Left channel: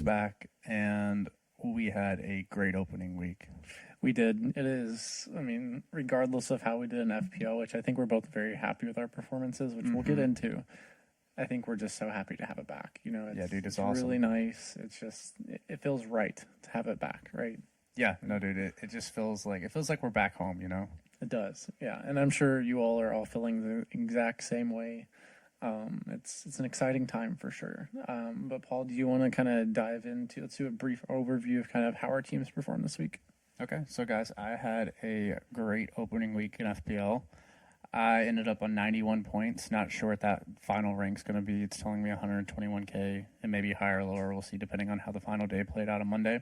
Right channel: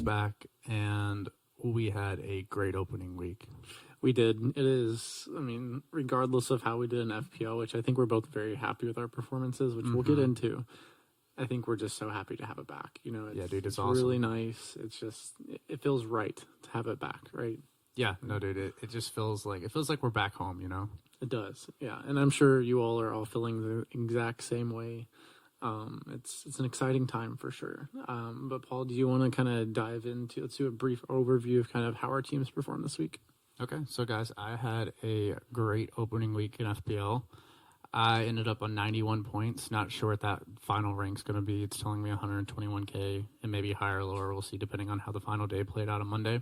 is back, and we had a great opening week. We did. It is, I mean, regardless of how we did in FPL, which I think we're both very happy with our performances, which we'll get into. I think we're just so happy to have it back. You know, It's awesome. Really nice. It's just, it feels right to have it back, right? Yeah, no, dude, it just feels like we're back home. You know, it does. Yeah, and I'm sure you all are all feeling the exact same way. It's an exciting time for sure. But Paul, do you want to kind of dive into? Let's do a brief overview of kind of how our teams performed this week. Okay, so guys, I had a great opening week in FPL. I ended up on 91 points. Not sure what that final rank's going to be. It's telling me 121K and maybe higher or lower. We'll see depending on how the final day played out on Monday.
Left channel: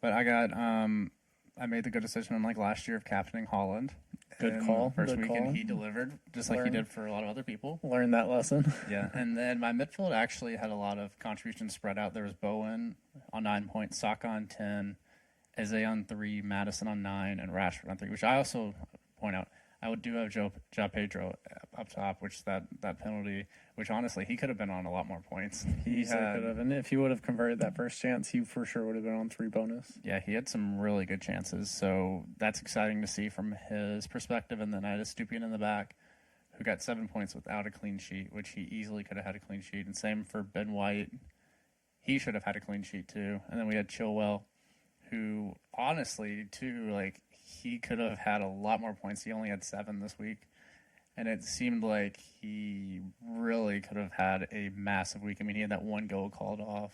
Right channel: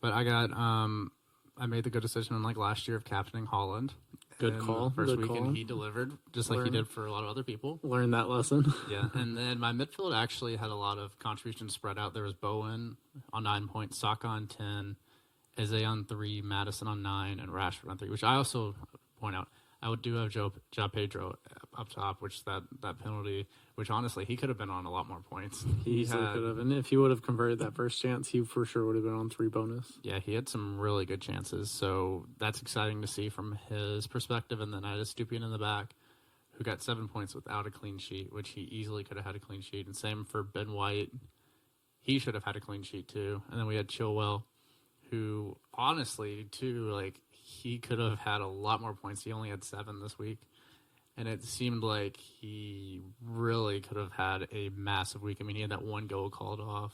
But I made the good decision unlike last year of captaining Holland. Good call. First week, and he delivered just like he did for a lot of other people. Learn that lesson. Yeah, and then my midfield actually had a lot of contributions spread out. There was Bowen on 9 points, Saka on 10, Eze on 3, Madison on 9, and Rashford on 3, which I also point out. I do have Joe Pedro up top, which that penalty, which honestly, he could have been on a lot more points. He easily could have. And if he would have converted that first chance, he for sure would have been on 3 bonus. Yeah, he had some really good chances. So that's exciting to see from his perspective. And then I had a Stupian in the back who got 7 points without a clean sheet, which he easily could have had a clean sheet. And same for Ben White. He should have had a clean sheet too. And then we had Chilwell, who honestly, too, like, he could have had a lot more points. He only had 7 this week. And it seemed like he really could have had a massive week. I mean, he had that one goal called off.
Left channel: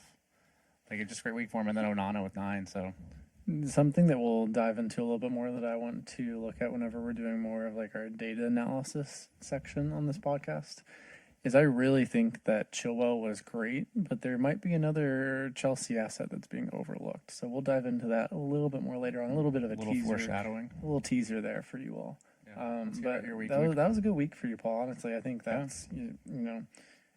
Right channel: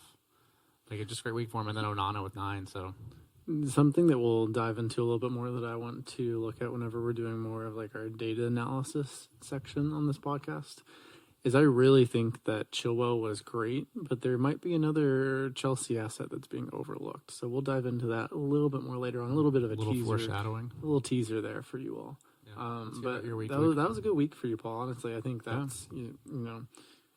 Like, a just great week for him. And then Onana with 9, so. Something that we'll dive into a little bit more that I want to look at whenever we're doing more of, like, our data analysis section on this podcast is I really think that Chilwell was great, but there might be another Chelsea asset that's being overlooked. So we'll dive into that a little bit more later on. A little bit of a teaser, foreshadowing, a little teaser there for you all. Yeah. But that was a good week for you, Paul. Honestly, I think that's you know,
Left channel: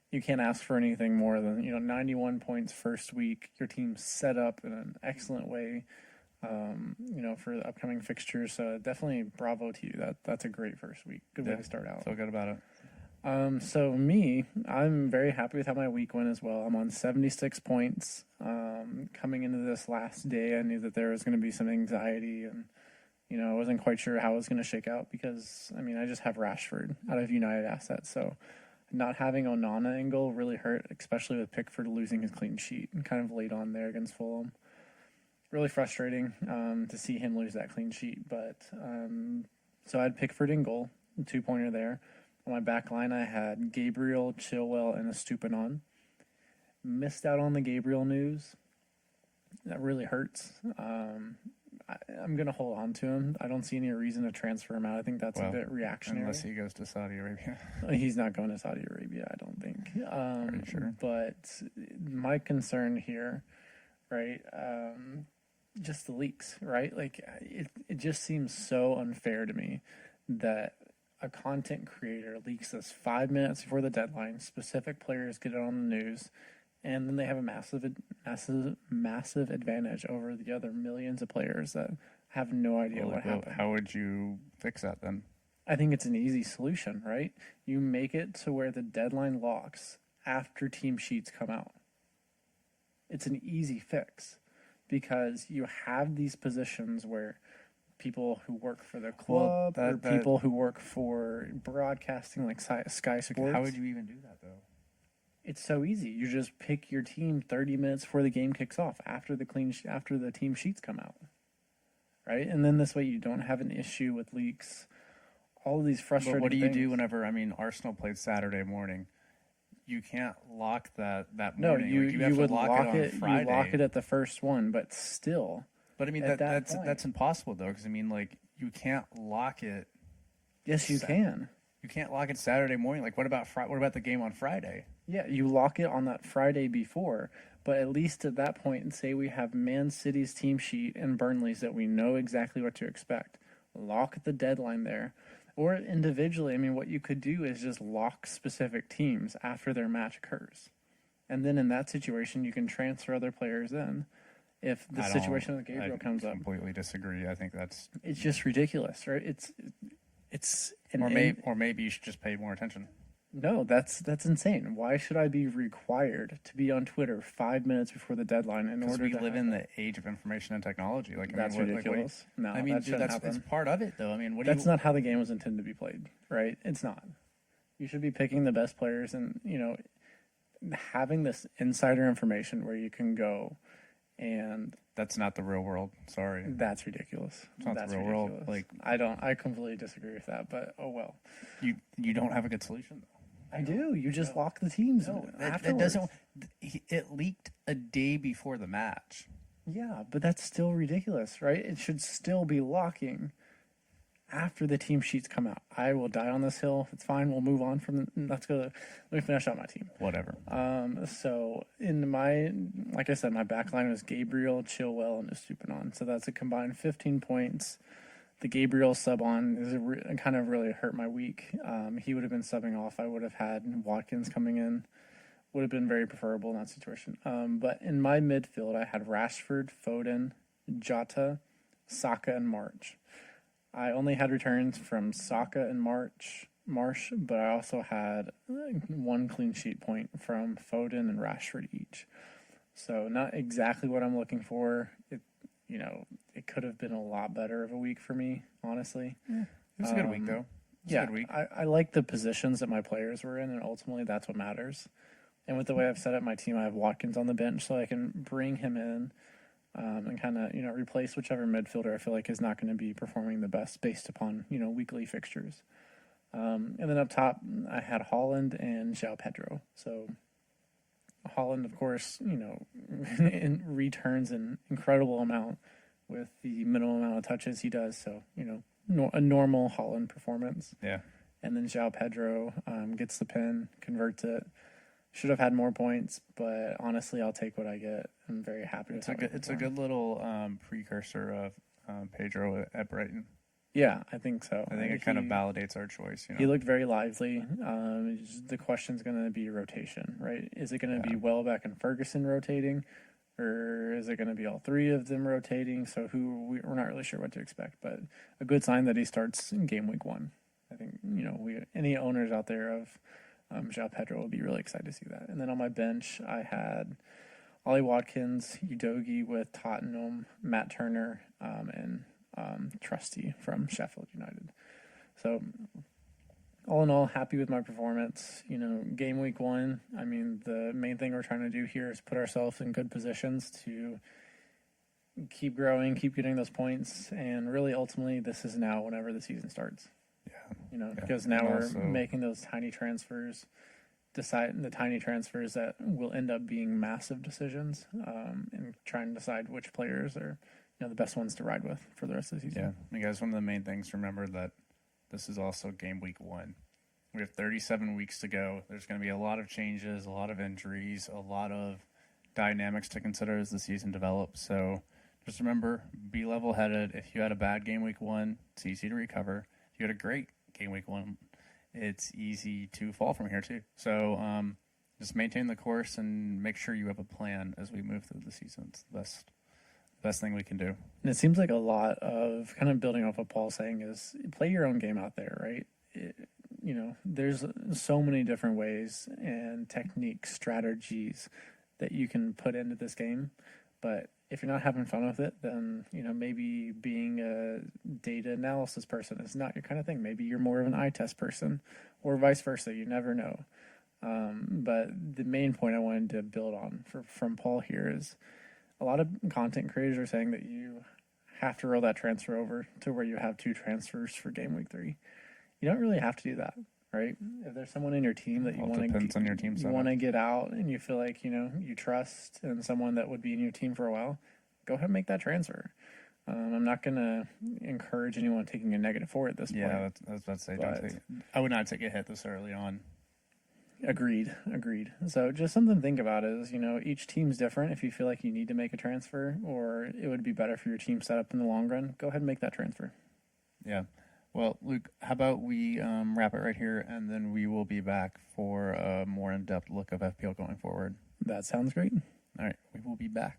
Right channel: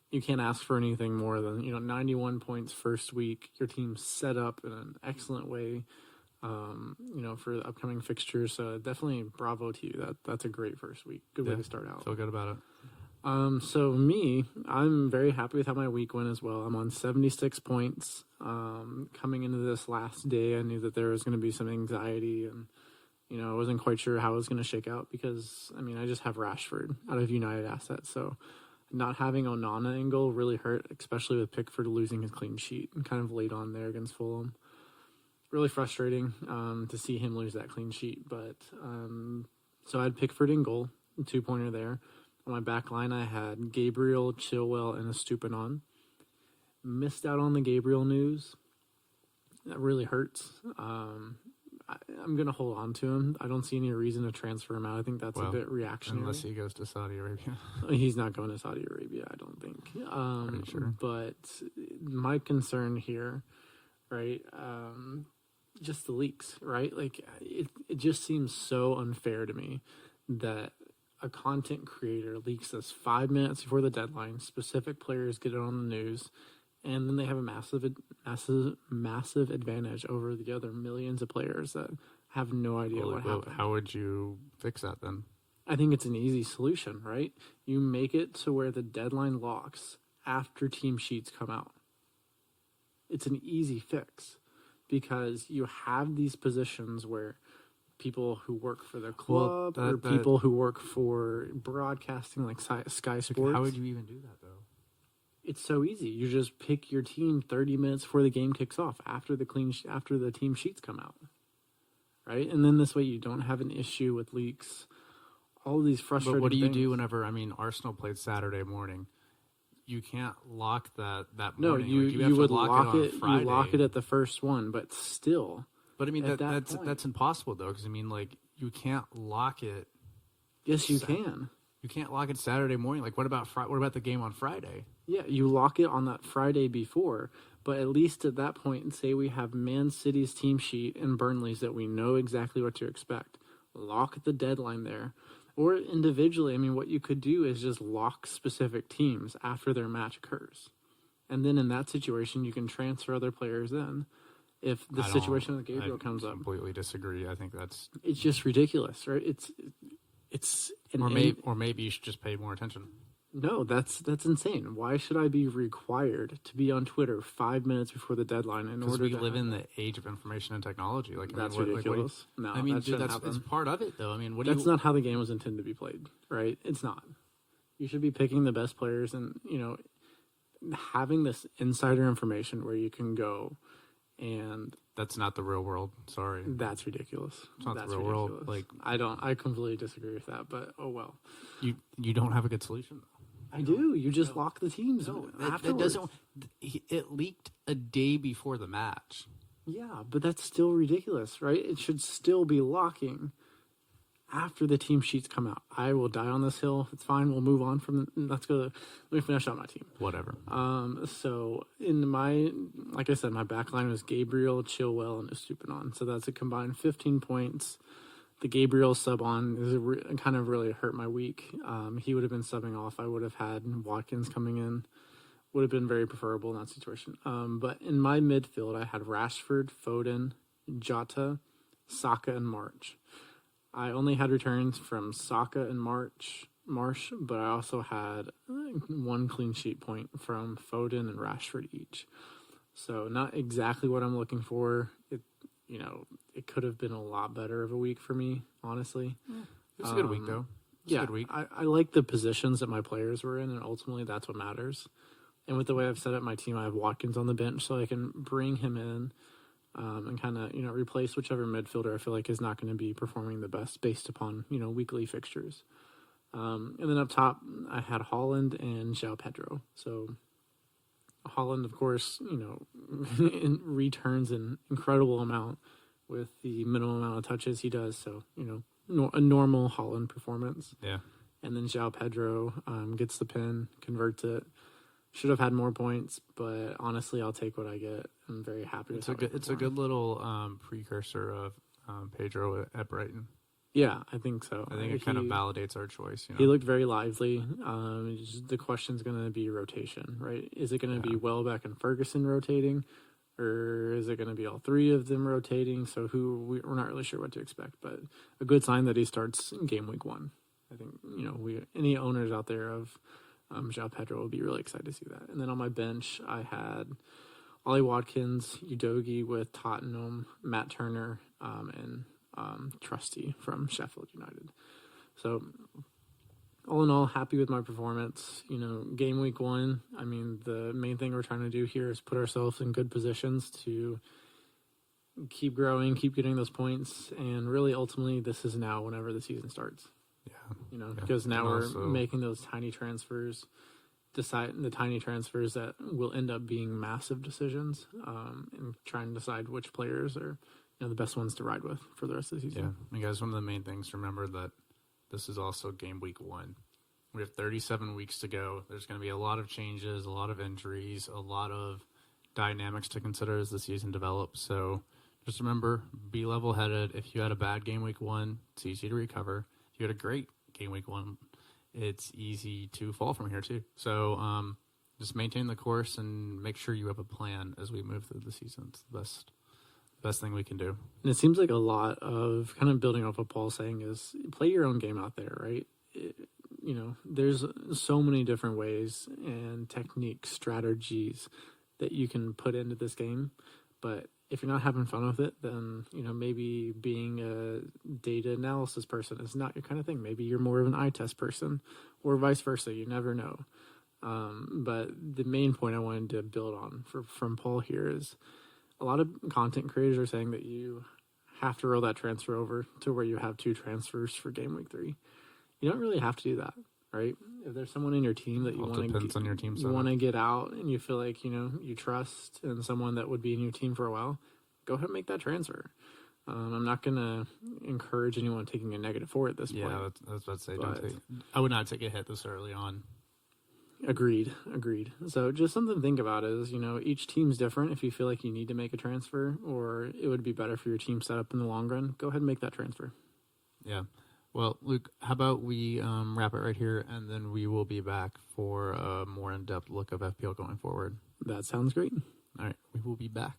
you can't ask for anything more than 91 points first week. Your team's set up in an excellent way, for the upcoming fixtures. So definitely bravo to you. That's a great first week. Good way to start out. Feel good about it. So I'm very happy with how my week went as well. I'm on 76 points. Coming into this last day, I knew that there was going to be some anxiety and, I wasn't quite sure how it was going to shake out because, I just have Rashford out of United assets. So not having Onana in goal really hurt, especially with Pickford losing his clean sheet and kind of late on there against Fulham. Really frustrating to see him lose that clean sheet. But so I had Pickford in goal, 2-pointer there. On my back line, I had Gabriel, Chilwell, and Estupiñán. Missed out on the Gabriel news. That really hurts. I'm going to hold on to him. I don't see any reason to transfer him out. I think that's a bit reactionary. Unless he goes to Saudi Arabia. He's not going to Saudi Arabia, I don't think. Pretty sure. But my concern here, right, just the leaks, right? Like, it just seems so unfair to me that a content creator leaks this 5 minutes before the deadline. Specific players get it on the news, and then they have a massive advantage over the other millions of players that have no idea what happened. How would you fix that then? I think it's an easy solution, right? You make it to where the deadline locks after team sheets come out. It's an easy fix because you have these positions where people who work for the club or people who work for broadcasting like Sky Sports. How would you even do that, though? It's so easy. You just pick your team 30 minutes before the game kicks off, after the team sheets come out, right? And then this way you don't have an issue with leaks. All of these frustrating But what do you things. do whenever, Arsenal played Saturday morning? You can't lock that morning. No, you would lock it. Friday. You lock it at the first one, but still. But that's impossible though, because you can't lock it. Yes, you can. You can't lock it Saturday morning. Like, what about the game on Friday? Yeah, you lock it on that Friday before, but at least at that point, and say we have Man City's team sheet and Burnley's that we know exactly what to expect. Lock the deadline there. Or individually, what you could do is just lock specific teams after their match occurs. And then in that situation, you can transfer other players in if the situation with Gabriel comes up. I completely disagree. I think it's just ridiculous, right? Or maybe you should just pay more attention. No, that's insane. Why should I be required to be on Twitter 5 minutes before the deadline in Because order we to live have in that? the age of information and technology. Like, I That's mean, ridiculous. No, I mean, that dude, shouldn't it's happen. part of it, though. I mean, That's not how the game was intended to be played, right? It's not. You should be picking the best players and, having this insider information where you can go and That's not the real world. Sorry. that's ridiculous. It's not That's the real world. ridiculous. Like, I completely disagree with that, but oh well. you don't have a good solution, though. I do. You just lock the teams That afterwards. doesn't. It leaked a day before the match. Yeah, but that's still ridiculous, right? It should still be locking after the team sheets come out. I will die on this hill. It's fine. We'll move on from. Let's go. Let me finish out my team. Whatever. So in like I said, my back line was Gabriel, Chilwell, and Estupiñán. So that's a combined 15 points. The Gabriel sub on is kind of really hurt my week. He would have been subbing off. I would have had Watkins coming in. Would have been very preferable in that situation. But in my midfield, I had Rashford, Foden, Jota, Saka, and March. I only had returns from Saka and Marsh, but I also had one clean sheet point from Foden and Rashford each. So not exactly what I'm looking for. It could have been a lot better of a week for me, honestly. It was a good week, though. It was a good week. I like the positions that my players were in, and ultimately that's what matters. And with the way I've set up my team, I have Watkins on the bench, so I can bring him in and kind of replace whichever midfielder I feel like is not going to be performing the best based upon weekly fixtures. And then up top, I had Holland and João Pedro. So Holland, of course, returns an incredible amount with the minimum amount of touches he does. So a normal Holland performance. Yeah. And then João Pedro gets the pin, converts it. Should have had more points, but honestly, I'll take what I get. I'm very happy with it. It's a good little precursor of Pedro at Brighton. Yeah, I think so. I think it kind of validates our choice. He looked very lively. The question's going to be rotation, right? Is it going to be Welbeck and Ferguson rotating, or is it going to be all three of them rotating? So we're not really sure what to expect, but a good sign that he starts in game week 1. I think any owners out there of João Pedro will be really excited to see that. And then on my bench, I had Ollie Watkins, Udogie with Tottenham, Matt Turner, and Trusty from Sheffield United. So all in all, happy with my performance. Game week 1, I mean, the main thing we're trying to do here is put ourselves in good positions to keep growing, keep getting those points, and really ultimately this is now whenever the season starts. Because now we're making those tiny transfers, the tiny transfers that will end up being massive decisions, and trying to decide which players are the best ones to ride with for the rest of the season. Yeah, and guys, one of the main things to remember that this is also game week 1. We have 37 weeks to go. There's going to be a lot of changes, a lot of injuries, a lot of dynamics to consider as the season develops. So just remember, be level-headed. If you had a bad game week 1, it's easy to recover. If you had a great game week 1, it's easy to fall from here too. So just maintain the course and make sure you have a plan as we move through the season. It's the best thing we can do. And it seems like a lot of kind of building off what Paul's saying is play your own game out there, right? There's so many different ways and techniques, strategies that you can put into this game. But if you're not having fun with it, then, maybe being a data analysis person is not your kind of thing. Maybe you're more of an eye test person or vice versa. You never know. But the main point I wanted to build on from Paul here is a lot of content creators are saying that you have to roll that transfer over to where you have 2 transfers for game week 3. You don't really have to do that, right? If there's someone in your team that you want to get out and you feel like, you trust and someone that would be in your team for a while, go ahead and make that transfer. I'm not going to encourage anyone taking a negative for at this point. Yeah, I was about to say, I would not take a hit this early on. Agreed. So just something to think about is, each team's different. If you feel like you need to make a transfer or it would be better for your team set up in the long run, go ahead and make that transfer. Yeah. Well, Luke, how about we wrap it right here, and then we will be back for a more in-depth look of FPL going forward. That sounds great. All right, we will be back.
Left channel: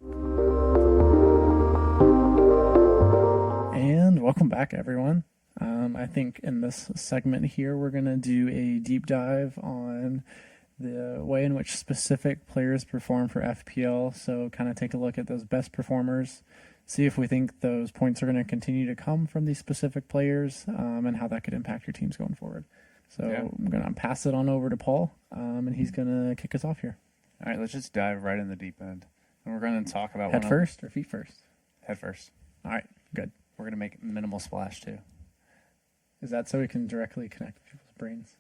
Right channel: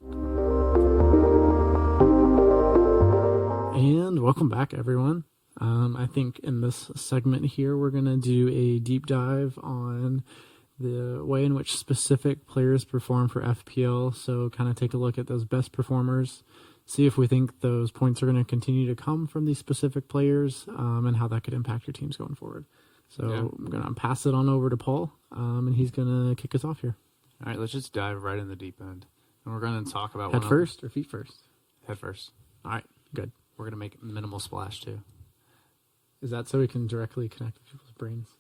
And welcome back, everyone. I think in this segment here, we're going to do a deep dive on the way in which specific players perform for FPL. So kind of take a look at those best performers, see if we think those points are going to continue to come from these specific players, and how that could impact your teams going forward. So Yeah. I'm going to pass it on over to Paul, and he's going to kick us off here. All right, let's just dive right in the deep end. And we're going to talk about Head first or feet first? Head first. All right, good. We're going to make minimal splash too. Is that so we can directly connect with people's brains?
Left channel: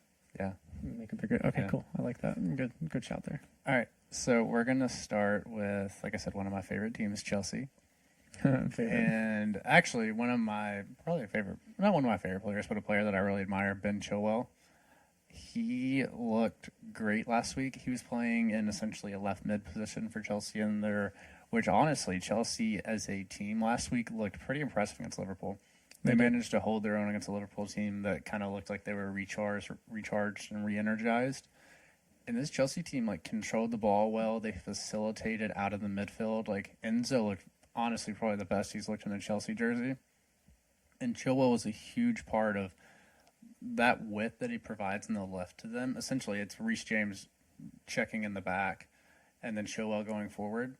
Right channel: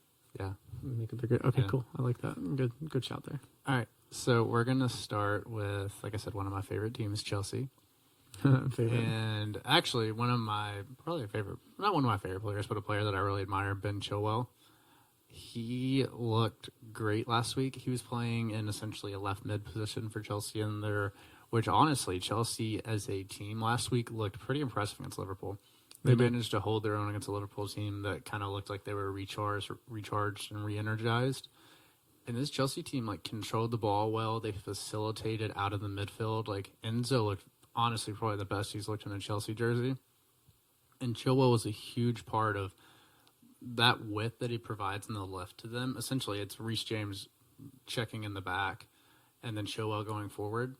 Yeah. Make a bigger. Okay, Yeah. cool. I like that. Good shout there. All right, so we're going to start with, like I said, one of my favorite teams, Chelsea. Favorite. And actually, not one of my favorite players, but a player that I really admire, Ben Chilwell. He looked great last week. He was playing in essentially a left mid position for Chelsea which honestly, Chelsea as a team last week looked pretty impressive against Liverpool. They managed to hold their own against a Liverpool team that kind of looked like they were recharged and re-energized. And this Chelsea team controlled the ball well. They facilitated out of the midfield. Enzo looked honestly probably the best he's looked in a Chelsea jersey. And Chilwell was a huge part of that width that he provides in the left to them. Essentially, it's Reece James checking in the back and then Chilwell going forward.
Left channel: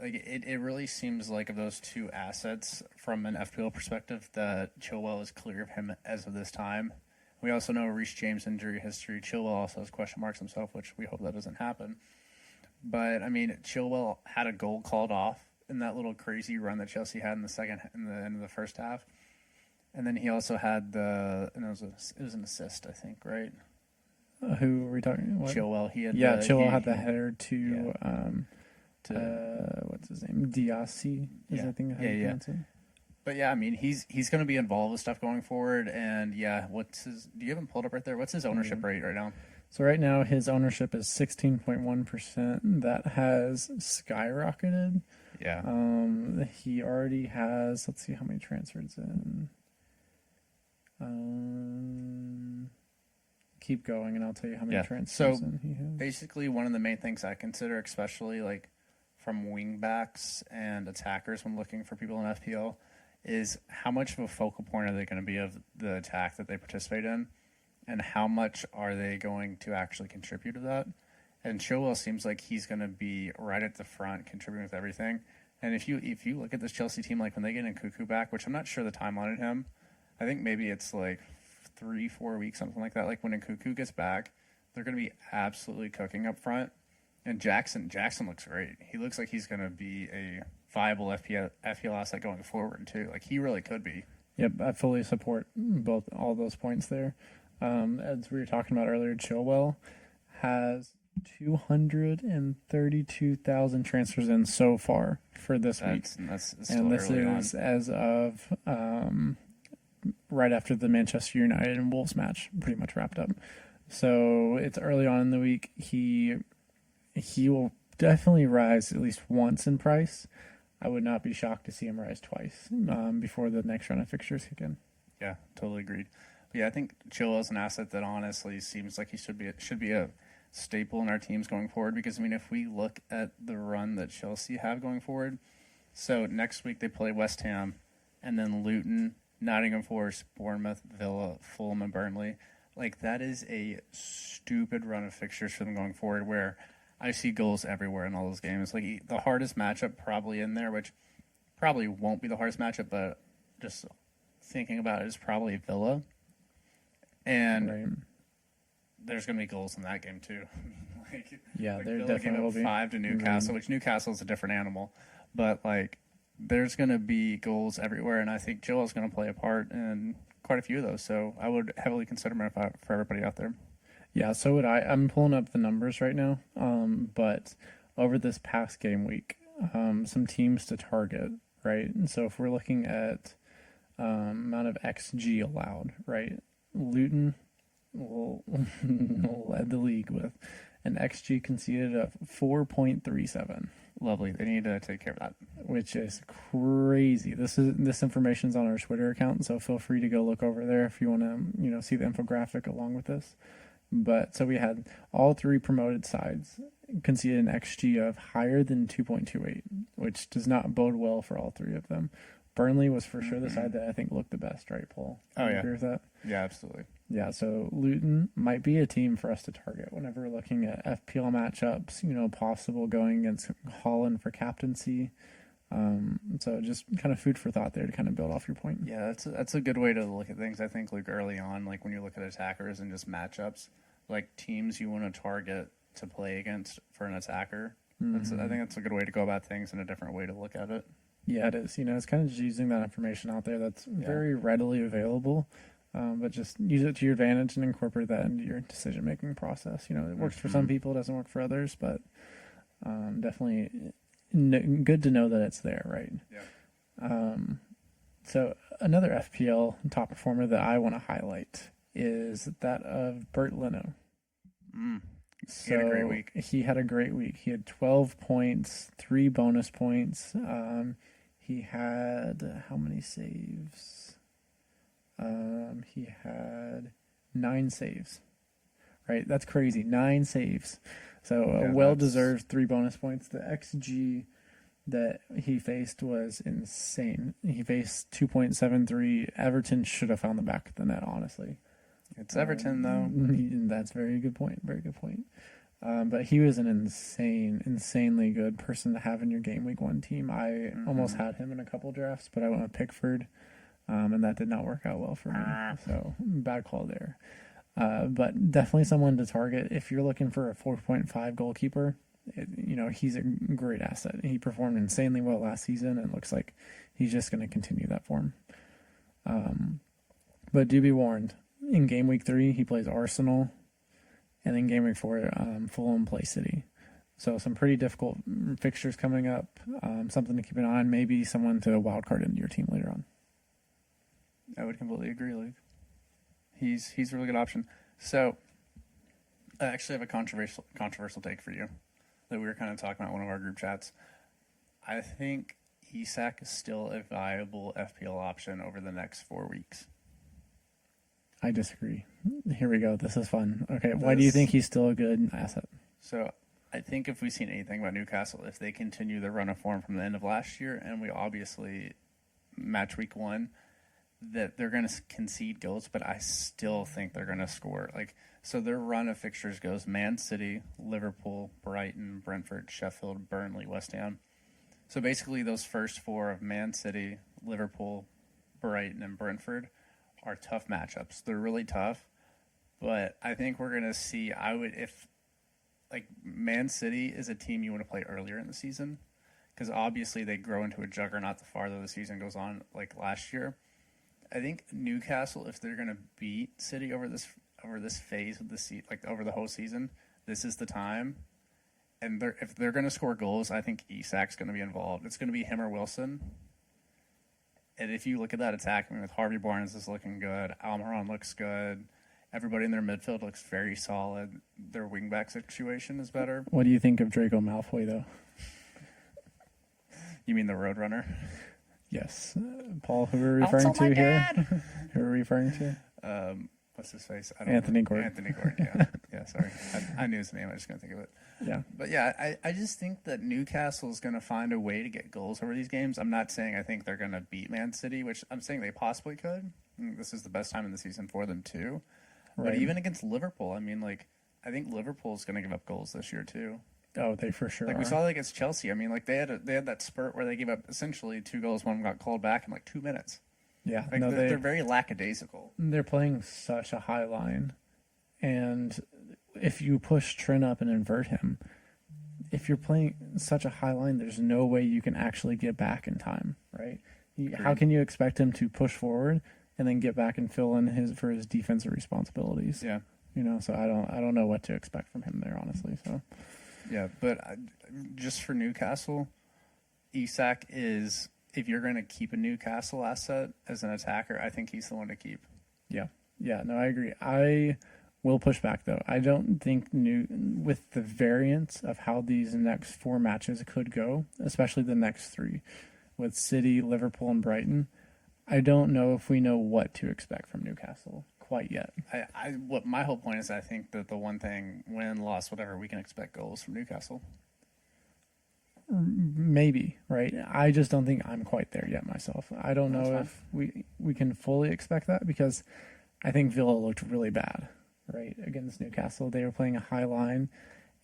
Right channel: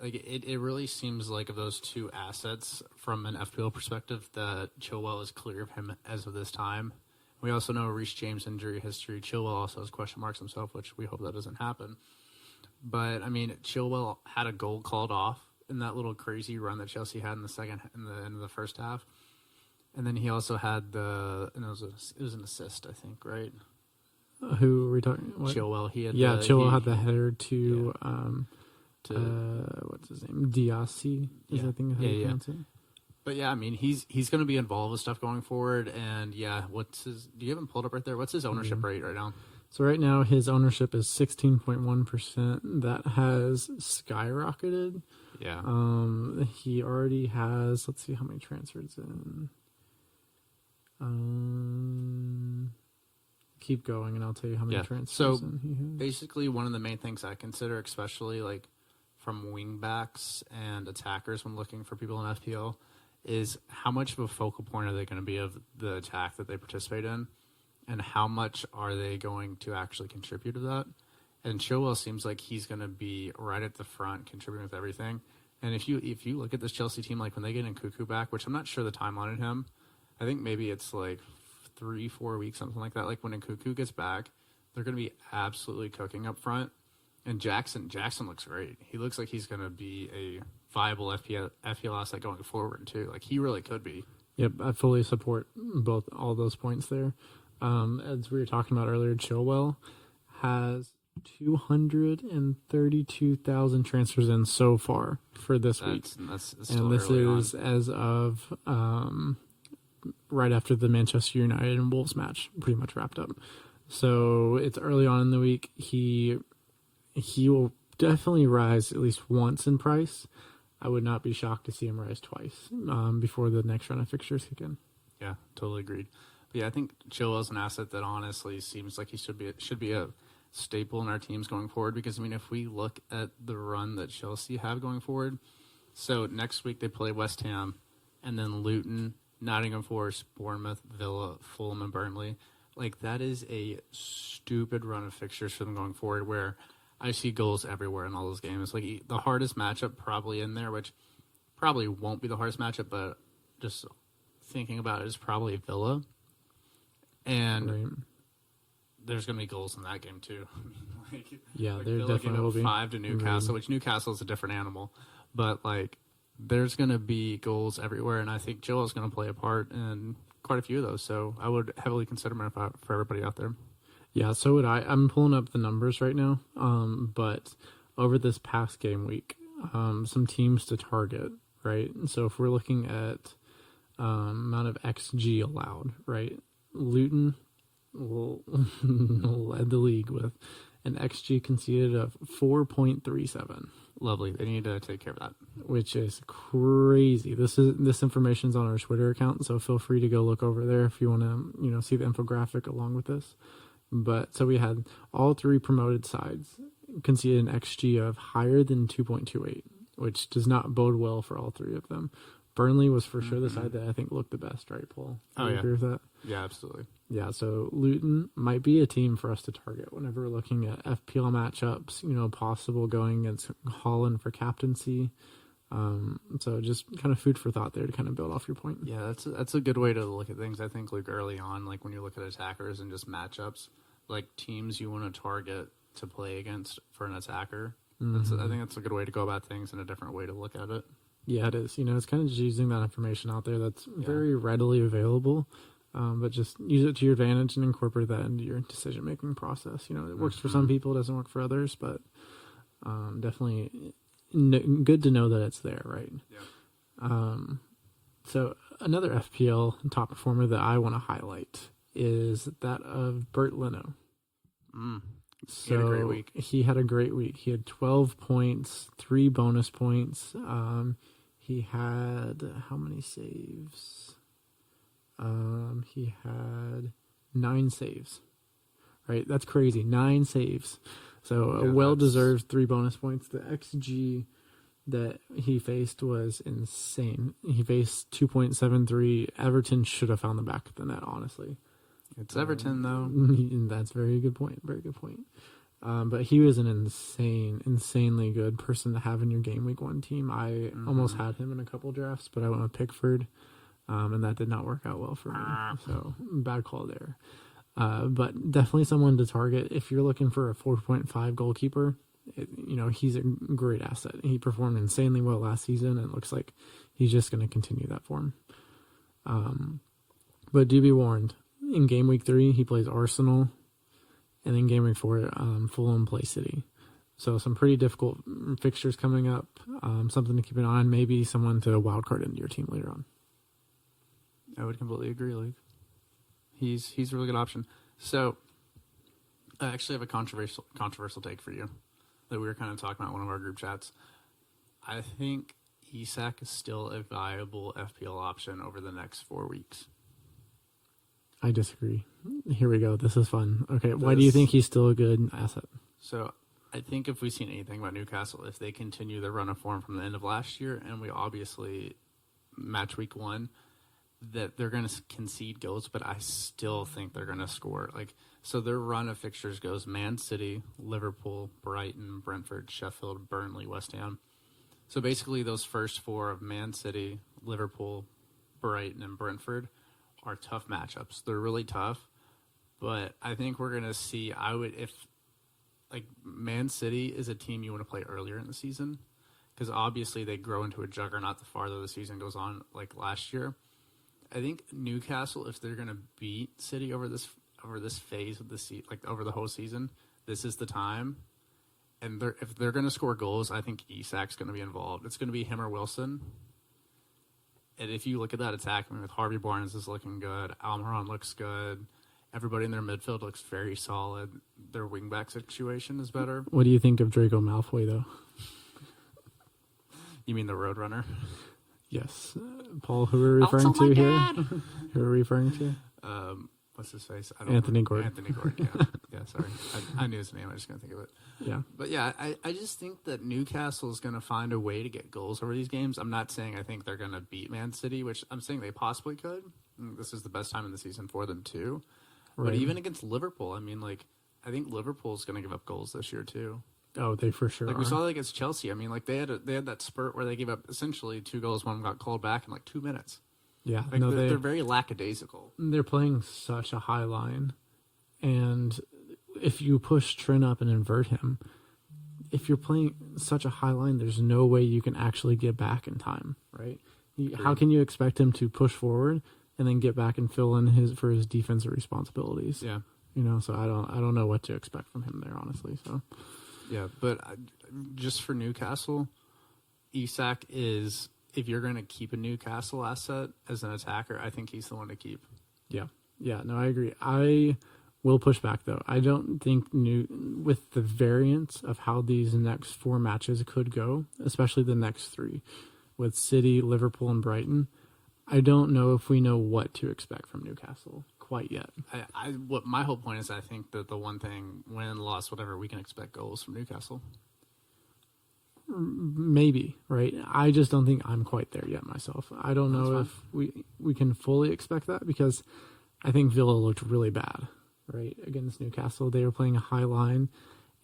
It really seems like of those two assets from an FPL perspective that Chilwell is clear of him as of this time. We also know Reece James' injury history. Chilwell also has question marks himself, which we hope that doesn't happen. But, Chilwell had a goal called off in that little crazy run that Chelsea had in the end of the first half. And then he also had it was an assist, I think, right? Who are we talking? What? Chilwell. Chilwell had the header to what's his name? Diassi is I think how you pronounce it. But yeah, he's going to be involved with stuff going forward. And yeah, do you have him pulled up right there? What's his ownership rate right now? So right now his ownership is 16.1%. That has skyrocketed. Yeah. He already has, let's see how many transfers in. Keep going and I'll tell you how many transfers in he has. Basically one of the main things I consider, especially from wing backs and attackers when looking for people in FPL, is how much of a focal point are they going to be of the attack that they participate in, and how much are they going to actually contribute to that. And Chilwell seems like he's going to be right at the front, contributing with everything. And if you look at this Chelsea team, when they get in Cuckoo back, which I'm not sure the timeline on him, I think maybe it's 3-4 weeks, something like that. When Nkuku gets back, they're going to be absolutely cooking up front. And Jackson looks great. He looks like he's going to be a viable FPL asset going forward too. He really could be. Yep, I fully support all those points there. As we were talking about earlier, Chilwell has 232,000 transfers in so far for this week. That's still and this is on. As of right after the Manchester United and Wolves match pretty much wrapped up. So it's early on in the week. He will definitely rise at least once in price. I would not be shocked to see him rise twice before the next run of fixtures kick in. Yeah, totally agreed. But yeah, I think Chilwell's an asset that honestly seems like he should be a staple in our teams going forward, because if we look at the run that Chelsea have going forward, so next week they play West Ham and then Luton, Nottingham Forest, Bournemouth, Villa, Fulham, and Burnley. That is a stupid run of fixtures for them going forward, where I see goals everywhere in all those games. The hardest matchup probably in there, which probably won't be the hardest matchup, but just thinking about it, is probably Villa. And there's going to be goals in that game too. There Villa definitely will be 5 to Newcastle, which Newcastle is a different animal, but there's going to be goals everywhere, and I think Chilwell's going to play a part in quite a few of those. So I would heavily consider him for everybody out there. Yeah, so would I. I'm pulling up the numbers right now. But over this past game week, some teams to target, right? And so if we're looking at amount of XG allowed, right? Luton will led the league with an XG conceded of 4.37. Lovely. They need to take care of that, which is crazy. This information's on our Twitter account, so feel free to go look over there if you want to, see the infographic along with this. But so we had all three promoted sides conceded an XG of higher than 2.28, which does not bode well for all three of them. Burnley was for sure the side that I think looked the best, right, Paul? Do you agree with that? Yeah, absolutely. Yeah, so Luton might be a team for us to target whenever we're looking at FPL matchups, possible going against Holland for captaincy. So just kind of food for thought there to kind of build off your point. Yeah, that's a good way to look at things. I think like early on, like when you look at attackers and just matchups, like teams you want to target to play against for an attacker. I think that's a good way to go about things and a different way to look at it. Yeah, it is. It's kind of just using that information out there that's very readily available, but just use it to your advantage and incorporate that into your decision-making process. It works for some people, it doesn't work for others, but definitely good to know that it's there, right? Yeah. So another FPL top performer that I want to highlight is that of Bert Leno. He had a great week. He had a great week. He had 12 points, 3 bonus points. He had how many saves? He had 9 saves. Right? That's crazy. 9 saves. So a well-deserved 3 bonus points. The XG that he faced was insane. He faced 2.73. Everton should have found the back of the net, honestly. It's Everton, though. That's a very good point. Very good point. But he was an insanely good person to have in your game week 1 team. I almost had him in a couple drafts, but I went with Pickford, and that did not work out well for me. So bad call there. But definitely someone to target if you're looking for a 4.5 goalkeeper. He's a great asset. He performed insanely well last season, and it looks like he's just going to continue that form. But do be warned. In game week 3, he plays Arsenal, and in game week 4, Fulham play City. So some pretty difficult fixtures coming up. Something to keep an eye on. Maybe someone to wildcard into your team later on. I would completely agree, Luke. He's a really good option. So I actually have a controversial take for you that we were kind of talking about in one of our group chats. I think Isak is still a viable FPL option over the next 4 weeks. I disagree. Here we go. This is fun. Okay, why do you think he's still a good asset? So I think if we've seen anything about Newcastle, if they continue their run of form from the end of last year, and we obviously match week 1, that they're going to concede goals, but I still think they're going to score. So their run of fixtures goes Man City, Liverpool, Brighton, Brentford, Sheffield, Burnley, West Ham. So basically those first 4 of Man City, Liverpool, Brighton, and Brentford are tough matchups. They're really tough, but I think we're going to see, Man City is a team you want to play earlier in the season because obviously they grow into a juggernaut the farther the season goes on, like last year. I think Newcastle, if they're going to beat City over this phase of the over the whole season, this is the time. And if they're going to score goals, I think Isak's going to be involved. It's going to be him or Wilson. And if you look at that attack, with Harvey Barnes is looking good, Almiron looks good, everybody in their midfield looks very solid. Their wingback situation is better. What do you think of Draco Malfoy, though? You mean the Roadrunner? Yes. Paul, who are we referring to here? Who are we referring to? What's his face? Anthony Gordon. Anthony Gordon, yeah. Yeah, sorry. I knew his name. I just couldn't think of it. Yeah. But yeah, I just think that Newcastle is going to find a way to get goals over these games. I'm not saying I think they're going to beat Man City, which I'm saying they possibly could. This is the best time in the season for them, too. Right. But even against Liverpool, I think Liverpool's going to give up goals this year, too. Oh, they for sure are. We saw that against Chelsea. They had that spurt where they gave up essentially 2 goals, one got called back in 2 minutes. Yeah, they're very lackadaisical. They're playing such a high line, and if you push Trent up and invert him, if you're playing such a high line, there's no way you can actually get back in time, right? How can you expect him to push forward and then get back and fill in for his defensive responsibilities? Yeah, so I don't know what to expect from him there, honestly. So. Yeah, but just for Newcastle, Isak is, if you're going to keep a Newcastle asset as an attacker, I think he's the one to keep. Yeah, no, I agree. I will push back, though. I don't think with the variance of how these next 4 matches could go, especially the next 3, with City, Liverpool, and Brighton, I don't know if we know what to expect from Newcastle quite yet. What my whole point is, I think that the one thing, win, loss, whatever, we can expect goals from Newcastle. Maybe, right? I just don't think I'm quite there yet myself. I don't That's know fine. if we can fully expect that, because I think Villa looked really bad, right? Against Newcastle. They were playing a high line,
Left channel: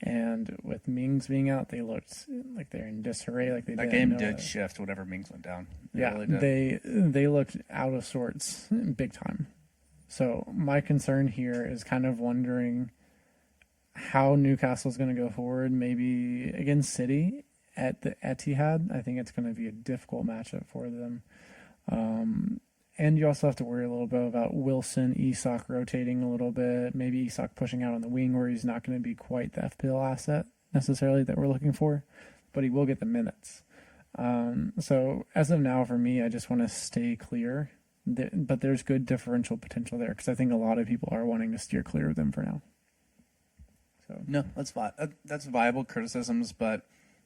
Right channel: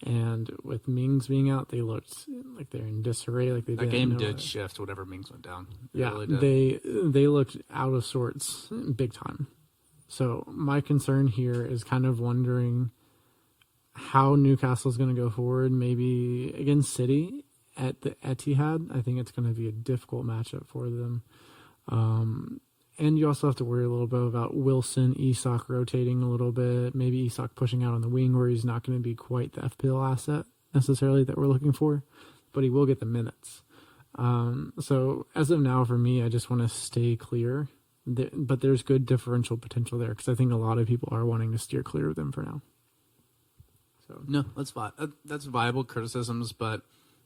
and with Mings being out, they looked like they're in disarray, like they That didn't game know did shift whatever Mings went down. It Yeah, really did. they looked out of sorts big time. So my concern here is kind of wondering how Newcastle's going to go forward. Maybe against City at the Etihad, I think it's going to be a difficult matchup for them. And you also have to worry a little bit about Wilson, Isak rotating a little bit. Maybe Isak pushing out on the wing where he's not going to be quite the FPL asset necessarily that we're looking for, but he will get the minutes. So as of now, for me, I just want to stay clear. But there's good differential potential there, because I think a lot of people are wanting to steer clear of them for now. So No, that's viable criticisms, but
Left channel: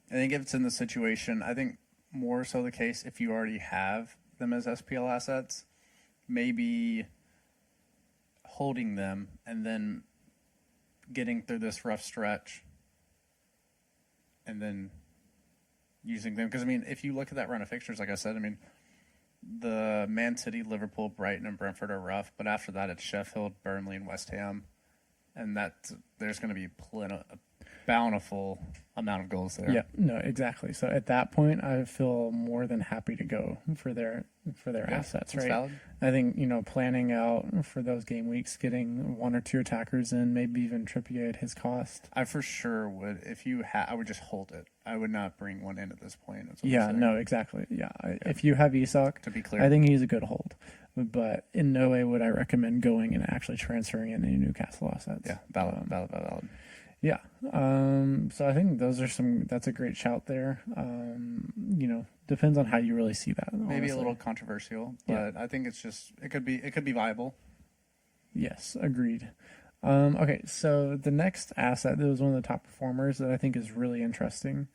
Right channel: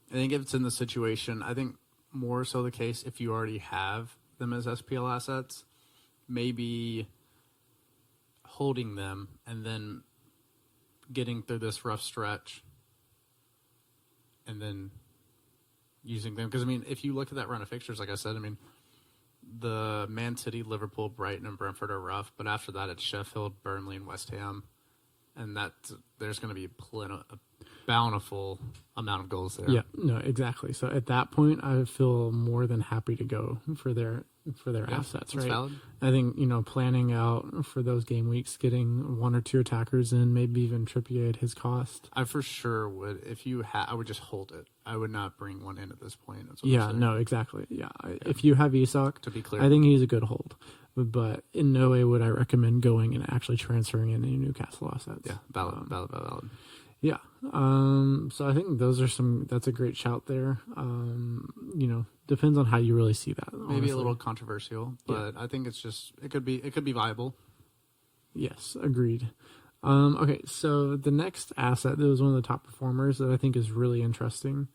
I think if it's in the situation, I think more so the case if you already have them as SPL assets, maybe holding them and then getting through this rough stretch and then using them. Because, I mean, if you look at that run of fixtures, like I said, I mean, the Man City, Liverpool, Brighton, and Brentford are rough, but after that it's Sheffield, Burnley, and West Ham. And there's going to be a bountiful amount of goals there. yeah, no, exactly. So at that point, I feel more than happy to go for their assets, that's right? valid. I think, planning out for those game weeks, getting one or two attackers in, maybe even Trippier at his cost. I for sure would. If you I would just hold it. I would not bring one in at this point. That's what I'm Yeah, saying. no, exactly. Yeah, if you have Isak, To be clear, I think he's a good hold. But in no way would I recommend going and actually transferring in any Newcastle assets. yeah, valid. Yeah. So I think that's a great shout there. Depends on how you really see that. Maybe honestly. a little controversial, but I think it's just it could be viable. Yes, agreed. Okay, so the next asset that was one of the top performers that I think is really interesting,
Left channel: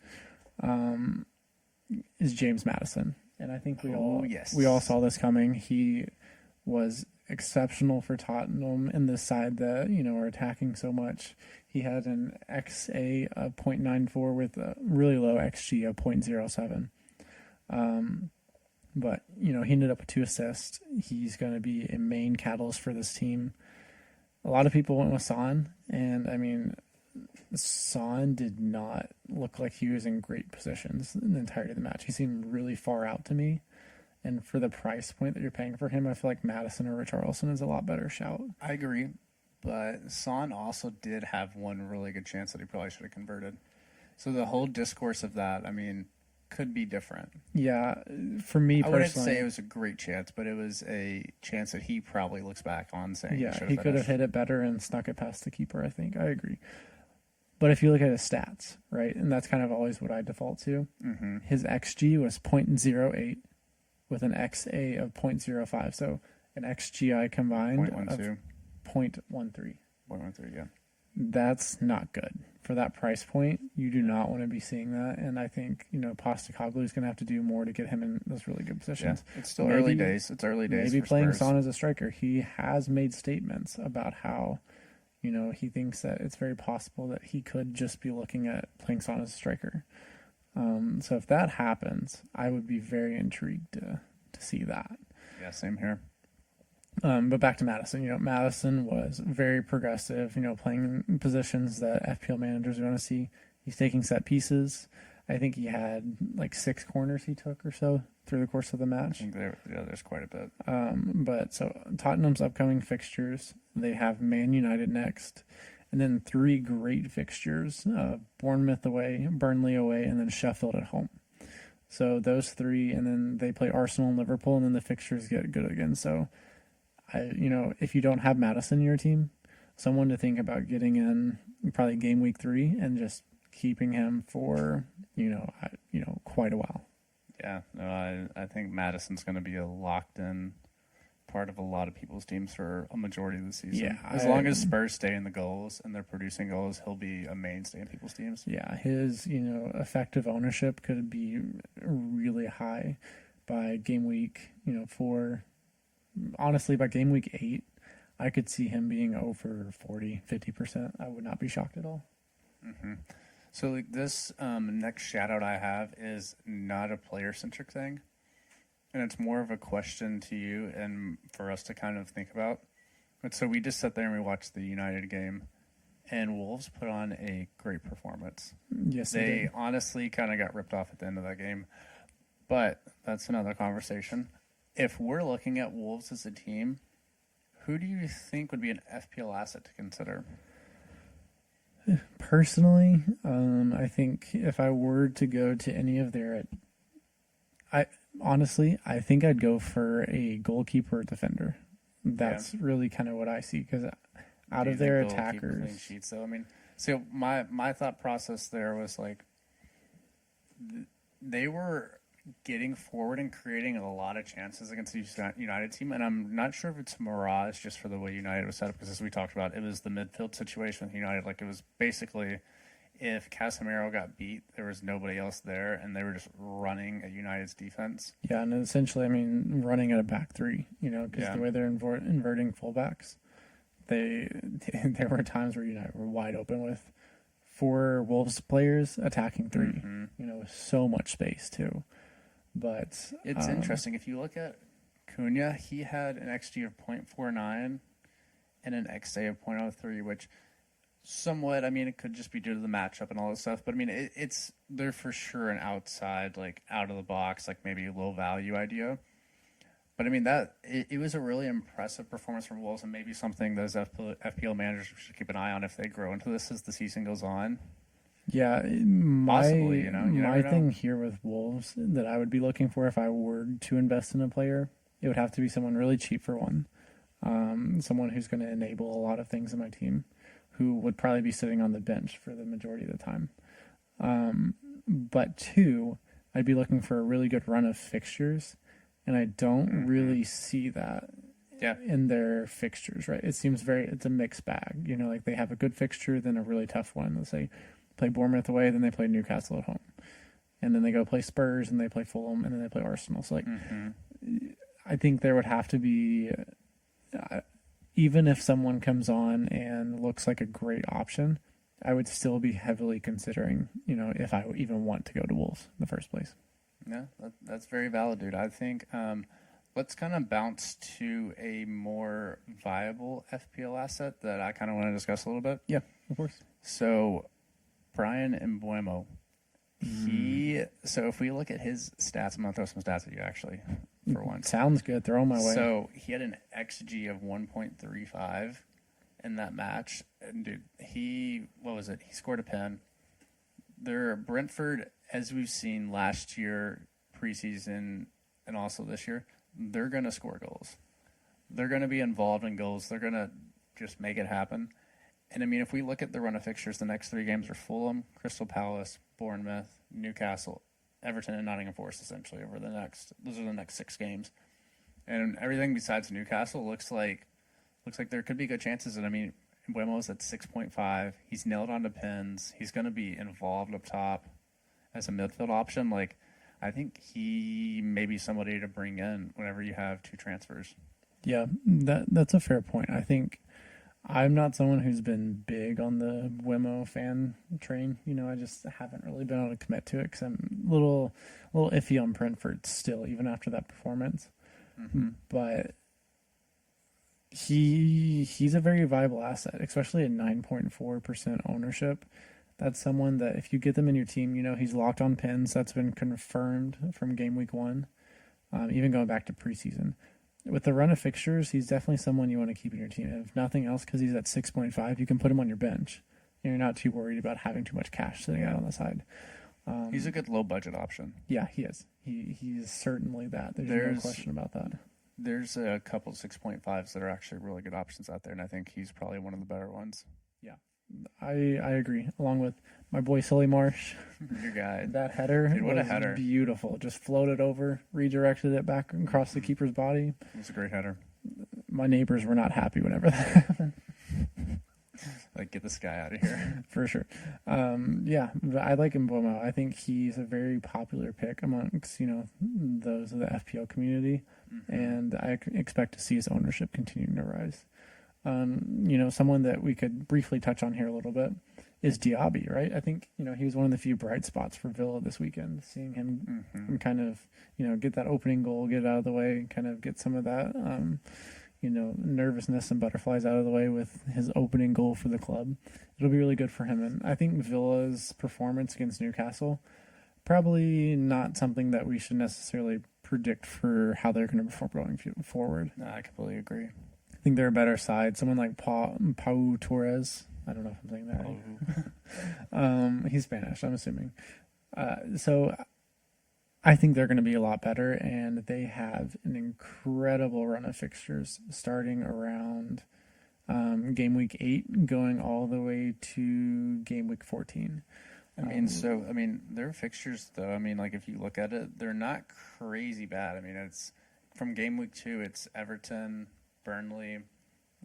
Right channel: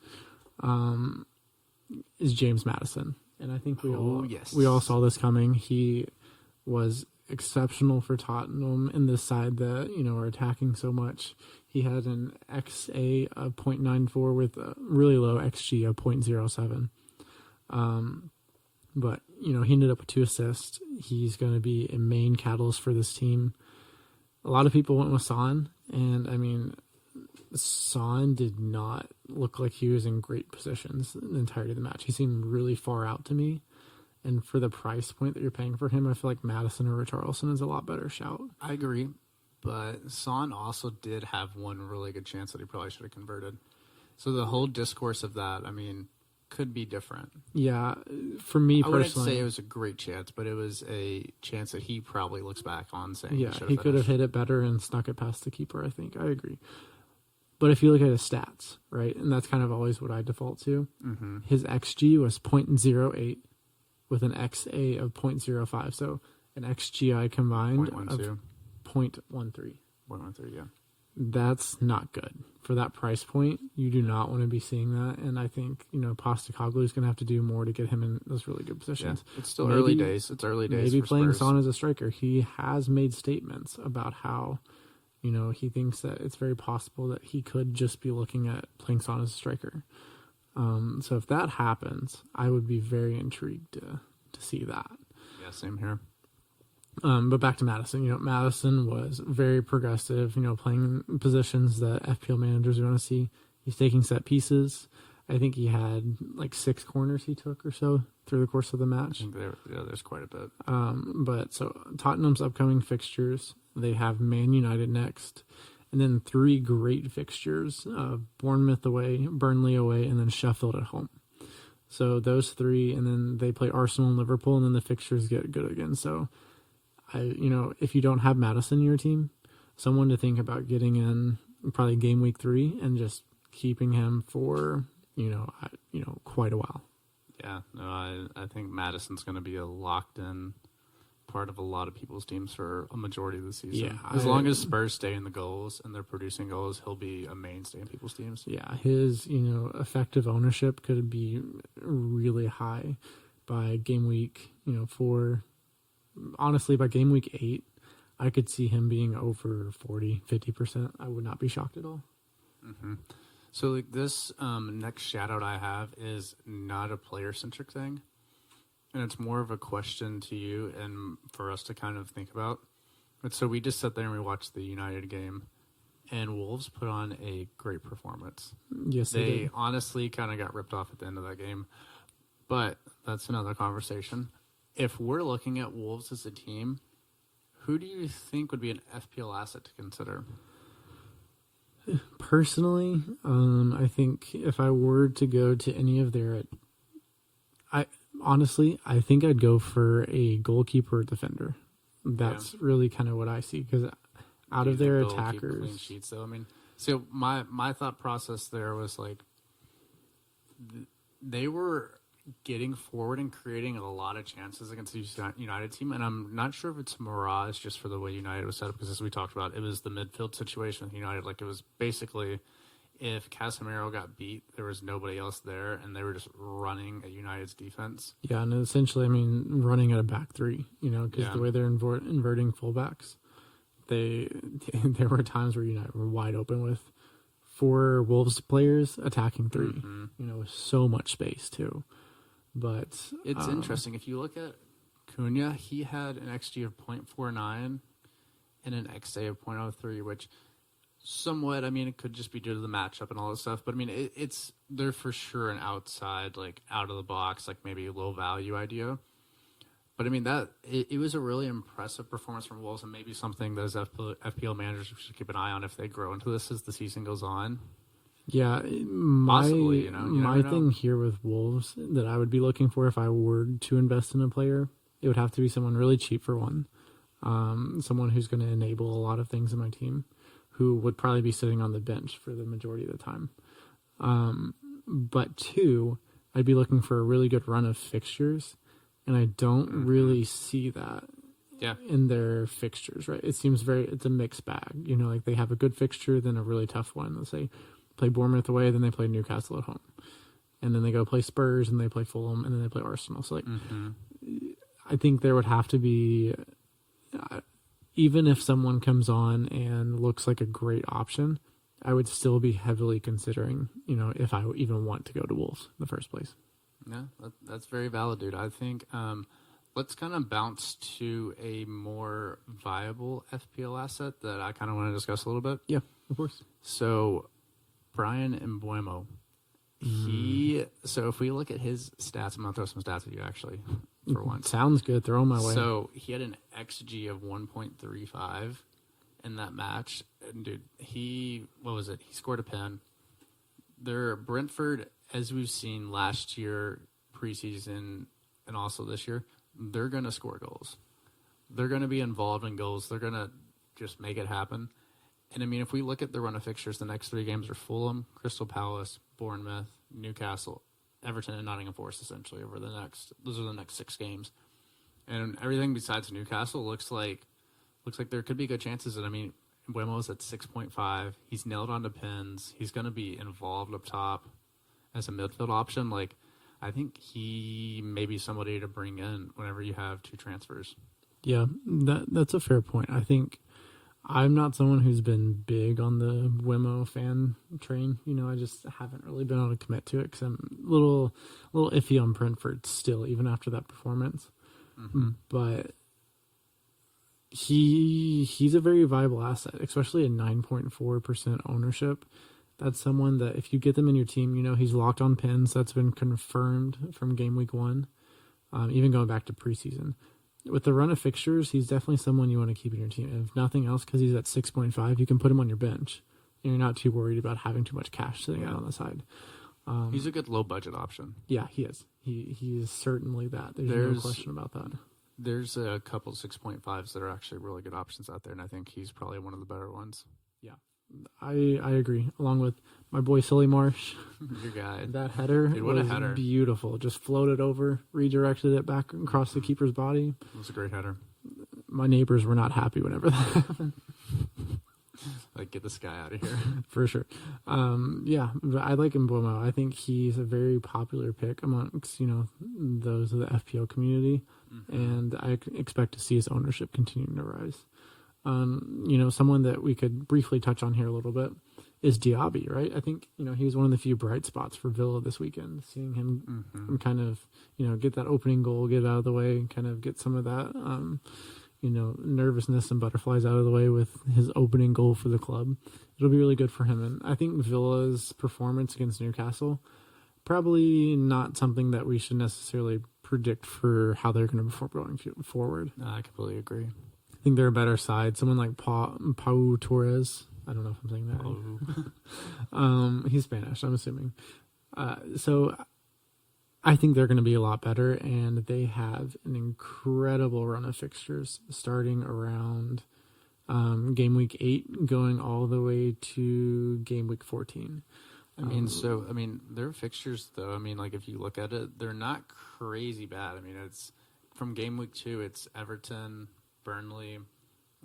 is James Maddison. And I think we all saw this coming. He was exceptional for Tottenham in this side that, are attacking so much. He had an XA of 0.94 with a really low XG of 0.07. But, he ended up with 2 assists. He's going to be a main catalyst for this team. A lot of people went with Son, and I mean, Son did not look like he was in great positions in the entirety of the match. He seemed really far out to me. And for the price point that you're paying for him, I feel like Maddison or Richarlison is a lot better shout. I agree, but Son also did have one really good chance that he probably should have converted. So the whole discourse of that, I mean, could be different. Yeah, for me personally, I wouldn't say it was a great chance, but it was a chance that he probably looks back on saying, yeah, he could have hit it better and snuck it past the keeper. I think I agree. But if you look at his stats, right, and that's kind of always what I default to, his XG was 0.08 with an XA of 0.05. So an XGI combined of 0.13. 0.13, yeah. That's not good. For that price point, you do not want to be seeing that. And I think, Postecoglou is going to have to do more to get him in those really good positions. Yeah, it's still early days. It's early days. Maybe for playing Spurs. Son as a striker. He has made statements about how, he thinks that it's very possible that he could just be looking at playing Son as a striker. So if that happens, I would be very intrigued to see that. Yeah, same here. But back to Maddison. Maddison was very progressive, playing positions that FPL managers want to see. He's taking set pieces. I think he had like 6 corners he took or so through the course of the match. I think there's quite a bit. But so Tottenham's upcoming fixtures, they have Man United next, and then 3 great fixtures, Bournemouth away, Burnley away, and then Sheffield at home. So those 3, and then they play Arsenal and Liverpool, and then the fixtures get good again. So if you don't have Maddison in your team, someone to think about getting in probably game week 3 and just keeping him for, quite a while. Yeah, no, I think Madison's going to be a locked in part of a lot of people's teams for a majority of the season. Yeah, as long as Spurs stay in the goals and they're producing goals, he'll be a mainstay in people's teams. Yeah, his, effective ownership could be really high by game week, 4. Honestly, by game week 8, I could see him being over 40, 50%. I would not be shocked at all. Mm-hmm. So like this next shout out I have is not a player centric thing, and it's more of a question to you and for us to kind of think about. But so we just sat there and we watched the United game, and Wolves put on a great performance. Yes, They honestly kind of got ripped off at the end of that game, but that's another conversation. If we're looking at Wolves as a team, who do you think would be an FPL asset to consider? Personally, I think if I were to go to any of their, I think I'd go for a goalkeeper or defender. That's really kind of what I see, because out of their attackers, clean sheets. Though I mean, so my thought process there was like they were getting forward and creating a lot of chances against the United team, and I'm not sure if it's a mirage just for the way United was set up, because as we talked about, it was the midfield situation with United. Like, it was basically if Casemiro got beat, there was nobody else there, and they were just running at United's defense. Yeah, and essentially, I mean, running at a back three, because the way they're inverting fullbacks, there were times where United were wide open with 4 Wolves players attacking 3, with so much space too. But it's interesting. If you look at Cunha, he had an XG of 0.49 and an XA of 0.03, which somewhat, I mean, it could just be due to the matchup and all this stuff. But I mean, they're for sure an outside, like out of the box, like maybe low value idea. But I mean, it was a really impressive performance from Wolves, and maybe something those FPL managers should keep an eye on if they grow into this as the season goes on. Yeah, Possibly, my thing here with Wolves that I would be looking for if I were to invest in a player, it would have to be someone really cheap for one, someone who's going to enable a lot of things in my team, who would probably be sitting on the bench for the majority of the time. But 2, I'd be looking for a really good run of fixtures, and I don't really see that in their fixtures, right? It seems it's a mixed bag. Like they have a good fixture, then a really tough one. Let's say play Bournemouth away, then they play Newcastle at home, and then they go play Spurs, and they play Fulham, and then they play Arsenal. So like, I think there would have to be, even if someone comes on and looks like a great option, I would still be heavily considering, if I even want to go to Wolves in the first place. Yeah, that's very valid, dude. I think let's kind of bounce to a more viable FPL asset that I kind of want to discuss a little bit. Yeah, of course. So Brian Mbuemo, so if we look at his stats, I'm going to throw some stats at you actually for once. Sounds good. Throw them my way. So he had an XG of 1.35 in that match. And dude, he scored a pen. Brentford, as we've seen last year, preseason, and also this year, they're going to score goals. They're going to be involved in goals. They're going to just make it happen. And, I mean, if we look at the run of fixtures, the next 3 games are Fulham, Crystal Palace, Bournemouth, Newcastle, Everton, and Nottingham Forest, essentially, those are the next 6 games. And everything besides Newcastle looks like there could be good chances. And, I mean, Mbuemo's at 6.5. He's nailed onto pins. He's going to be involved up top as a midfield option. Like, I think he may be somebody to bring in whenever you have 2 transfers. Yeah, that's a fair point. I think I'm not someone who's been big on the Wemo fan train. I just haven't really been able to commit to it because I'm a little iffy on Brentford still, even after that performance. But he's a very viable asset, especially at 9.4% ownership. That's someone that if you get them in your team, he's locked on pins. That's been confirmed from Gameweek 1, even going back to preseason. With the run of fixtures, he's definitely someone you want to keep in your team. And if nothing else, because he's at 6.5, you can put him on your bench. And you're not too worried about having too much cash sitting out on the side. He's a good low-budget option. Yeah, he is. He is certainly that. There's no question about that. There's a couple 6.5s that are actually really good options out there, and I think he's probably one of the better ones. Yeah, I agree. Along with my boy Sully Marsh. Your guy. That header was beautiful. Just floated over, redirected it back across the keeper's body. It was a great header. My neighbors were not happy whenever that happened. Like, get this guy out of here. For sure. Yeah, but I like Mbuemo. I think he's a very popular pick amongst, those of the FPL community. And I expect to see his ownership continuing to rise. Someone that we could briefly touch on here a little bit is Diaby, right? I think, he was one of the few bright spots for Villa this weekend, seeing him kind of, get that opening goal, get it out of the way, and kind of get some of that, nervousness and butterflies out of the way with his opening goal for the club. It'll be really good for him. And I think Villa's performance against Newcastle, probably not something that we should necessarily predict for how they're going to perform going forward. No, I completely agree. I think they're a better side. Someone like Pau Torres. I don't know if I'm saying that right. He's Spanish, I'm assuming. So I think they're going to be a lot better, and they have an incredible run of fixtures starting around game week 8, going all the way to game week 14. Their fixtures, though, if you look at it, they're not crazy bad. It's from game week 2, it's Everton, Burnley,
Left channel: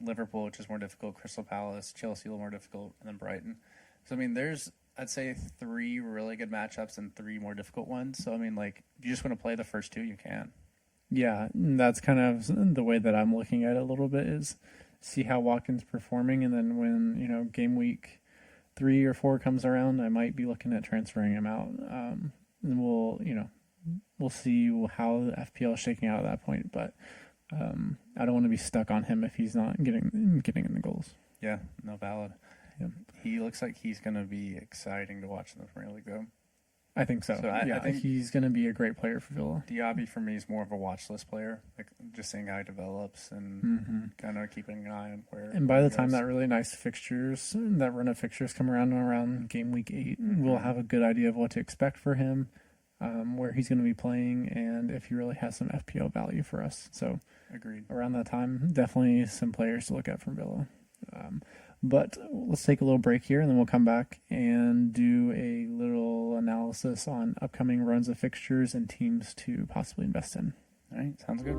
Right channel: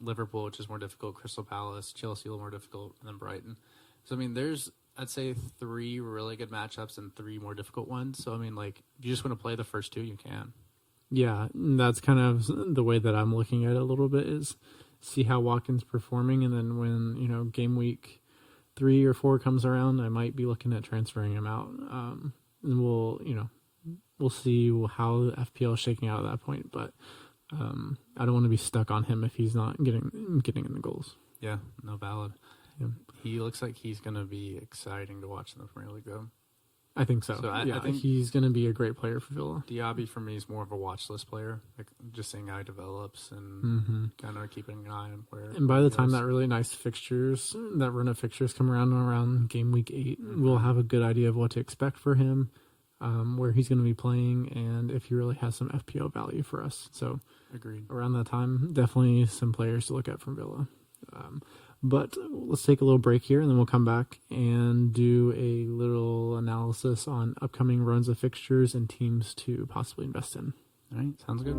Liverpool, which is more difficult, Crystal Palace, Chelsea, a little more difficult, and then Brighton. So, there's, I'd say, 3 really good matchups and 3 more difficult ones. So, if you just want to play the first 2, you can. Yeah, that's kind of the way that I'm looking at it a little bit, is see how Watkins performing, and then when, game week 3 or 4 comes around, I might be looking at transferring him out. And we'll see how the FPL is shaking out at that point, but I don't want to be stuck on him if he's not getting in the goals. Yeah, no, valid. Yeah. He looks like he's going to be exciting to watch in the Premier League, though. I think so. I think he's going to be a great player for Villa. Diaby, for me, is more of a watch list player, just seeing how he develops and kind of keeping an eye on where. And by the time that really nice that run of fixtures come around game week 8, we'll have a good idea of what to expect for him, where he's going to be playing, and if he really has some FPO value for us. So, agreed. Around that time, definitely some players to look at from Villa. But let's take a little break here, and then we'll come back and do a little analysis on upcoming runs of fixtures and teams to possibly invest in. All right, sounds good.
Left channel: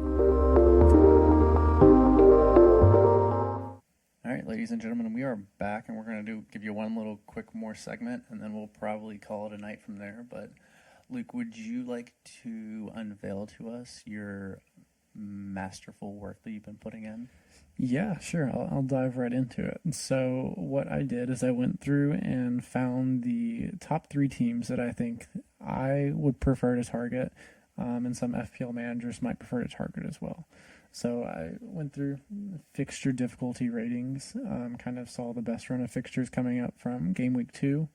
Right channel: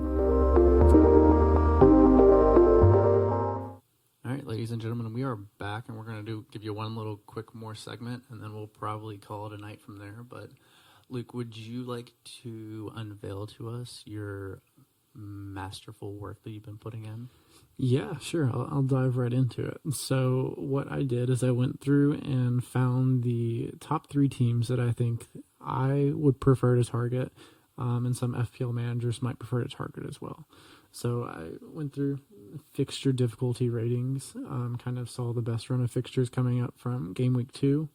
All right, ladies and gentlemen, we are back, and we're going to give you one little quick more segment, and then we'll probably call it a night from there. But Luke, would you like to unveil to us your masterful work that you've been putting in? Yeah, sure. I'll dive right into it. So what I did is I went through and found the top 3 teams that I think I would prefer to target, and some FPL managers might prefer to target as well. So I went through fixture difficulty ratings, kind of saw the best run of fixtures coming up from game week 2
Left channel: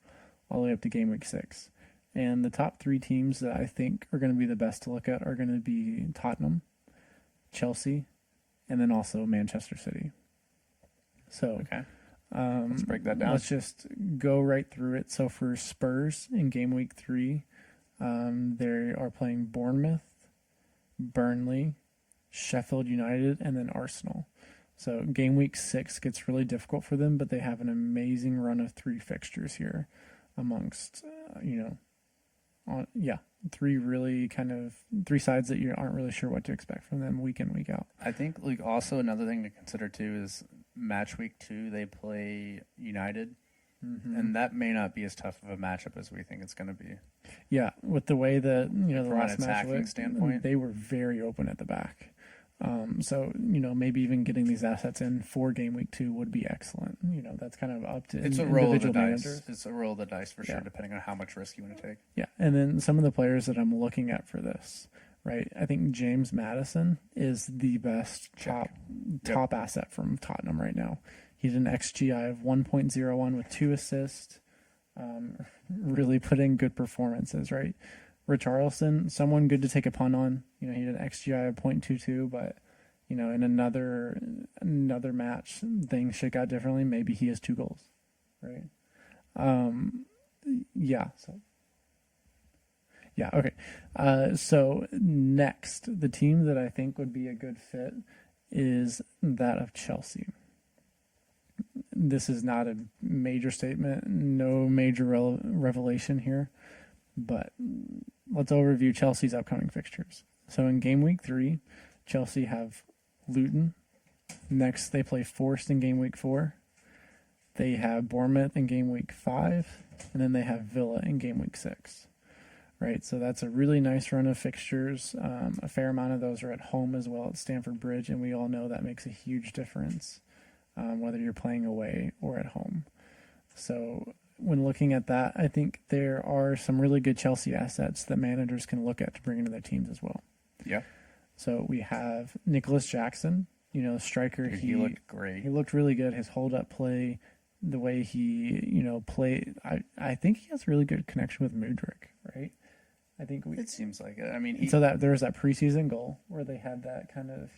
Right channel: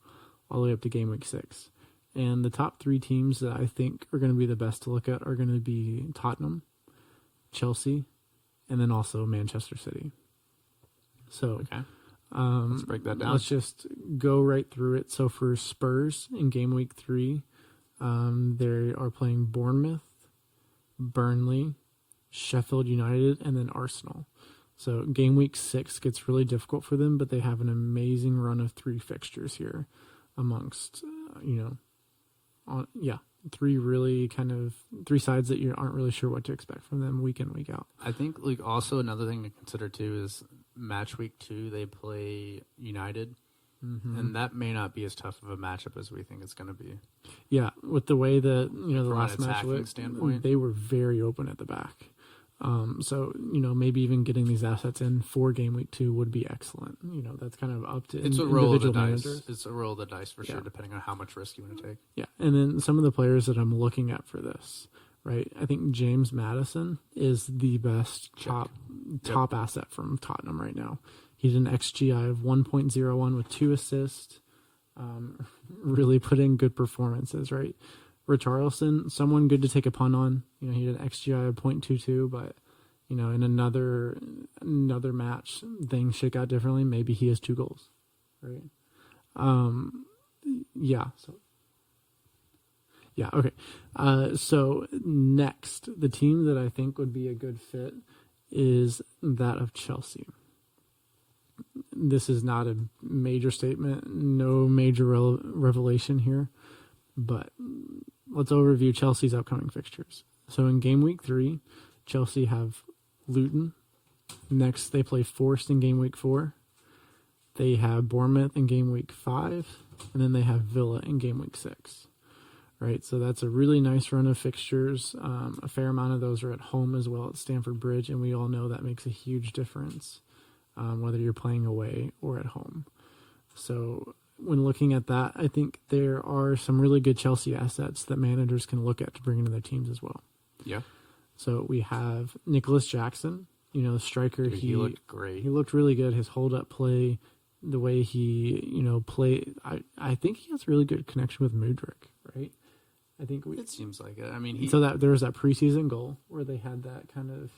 all the way up to game week 6. And the top 3 teams that I think are going to be the best to look at are going to be Tottenham, Chelsea, and then also Manchester City. So, okay. Let's break that down. Let's just go right through it. So for Spurs in game week 3, they are playing Bournemouth, Burnley, Sheffield United, and then Arsenal. So game week 6 gets really difficult for them, but they have an amazing run of 3 fixtures here amongst, 3 sides that you aren't really sure what to expect from them week in, week out. I think also another thing to consider too is match week 2 they play United, and that may not be as tough of a matchup as we think it's going to be. Yeah, with the way that the from last match standpoint, they were very open at the back. So maybe even getting these assets in for game week 2 would be excellent. That's kind of up to it's a roll of the managers. dice. It's a roll of the dice for sure, depending on how much risk you want to take. Yeah, and then some of the players that I'm looking at for this, right? I think James Maddison is the best top asset from Tottenham right now. He's an XGI of 1.01 with 2 assists. Really put in good performances, right? Richarlison, someone good to take a punt on. He had an XGI of 0.22, but in another match, things shake out differently. Maybe he has 2 goals, right? Okay. So next, the team that I think would be a good fit is that of Chelsea. This is not a major statement, no major revelation here, but let's overview Chelsea's upcoming fixtures. So in game week 3, Chelsea have Luton. Next, they play Forest in game week 4. They have Bournemouth in game week 5, and then they have Villa in game week 6. Right, so that's a really nice run of fixtures. A fair amount of those are at home as well at Stamford Bridge, and we all know that makes a huge difference, whether you're playing away or at home. So when looking at that, I think there are some really good Chelsea assets that managers can look at to bring into their teams as well. Yeah. So we have Nicholas Jackson, striker. Dude, he looked great. He looked really good. His hold up play, the way he, played. I think he has really good connection with Mudryk, right? I think it seems like it. I mean, so that there was that preseason goal where they had that kind of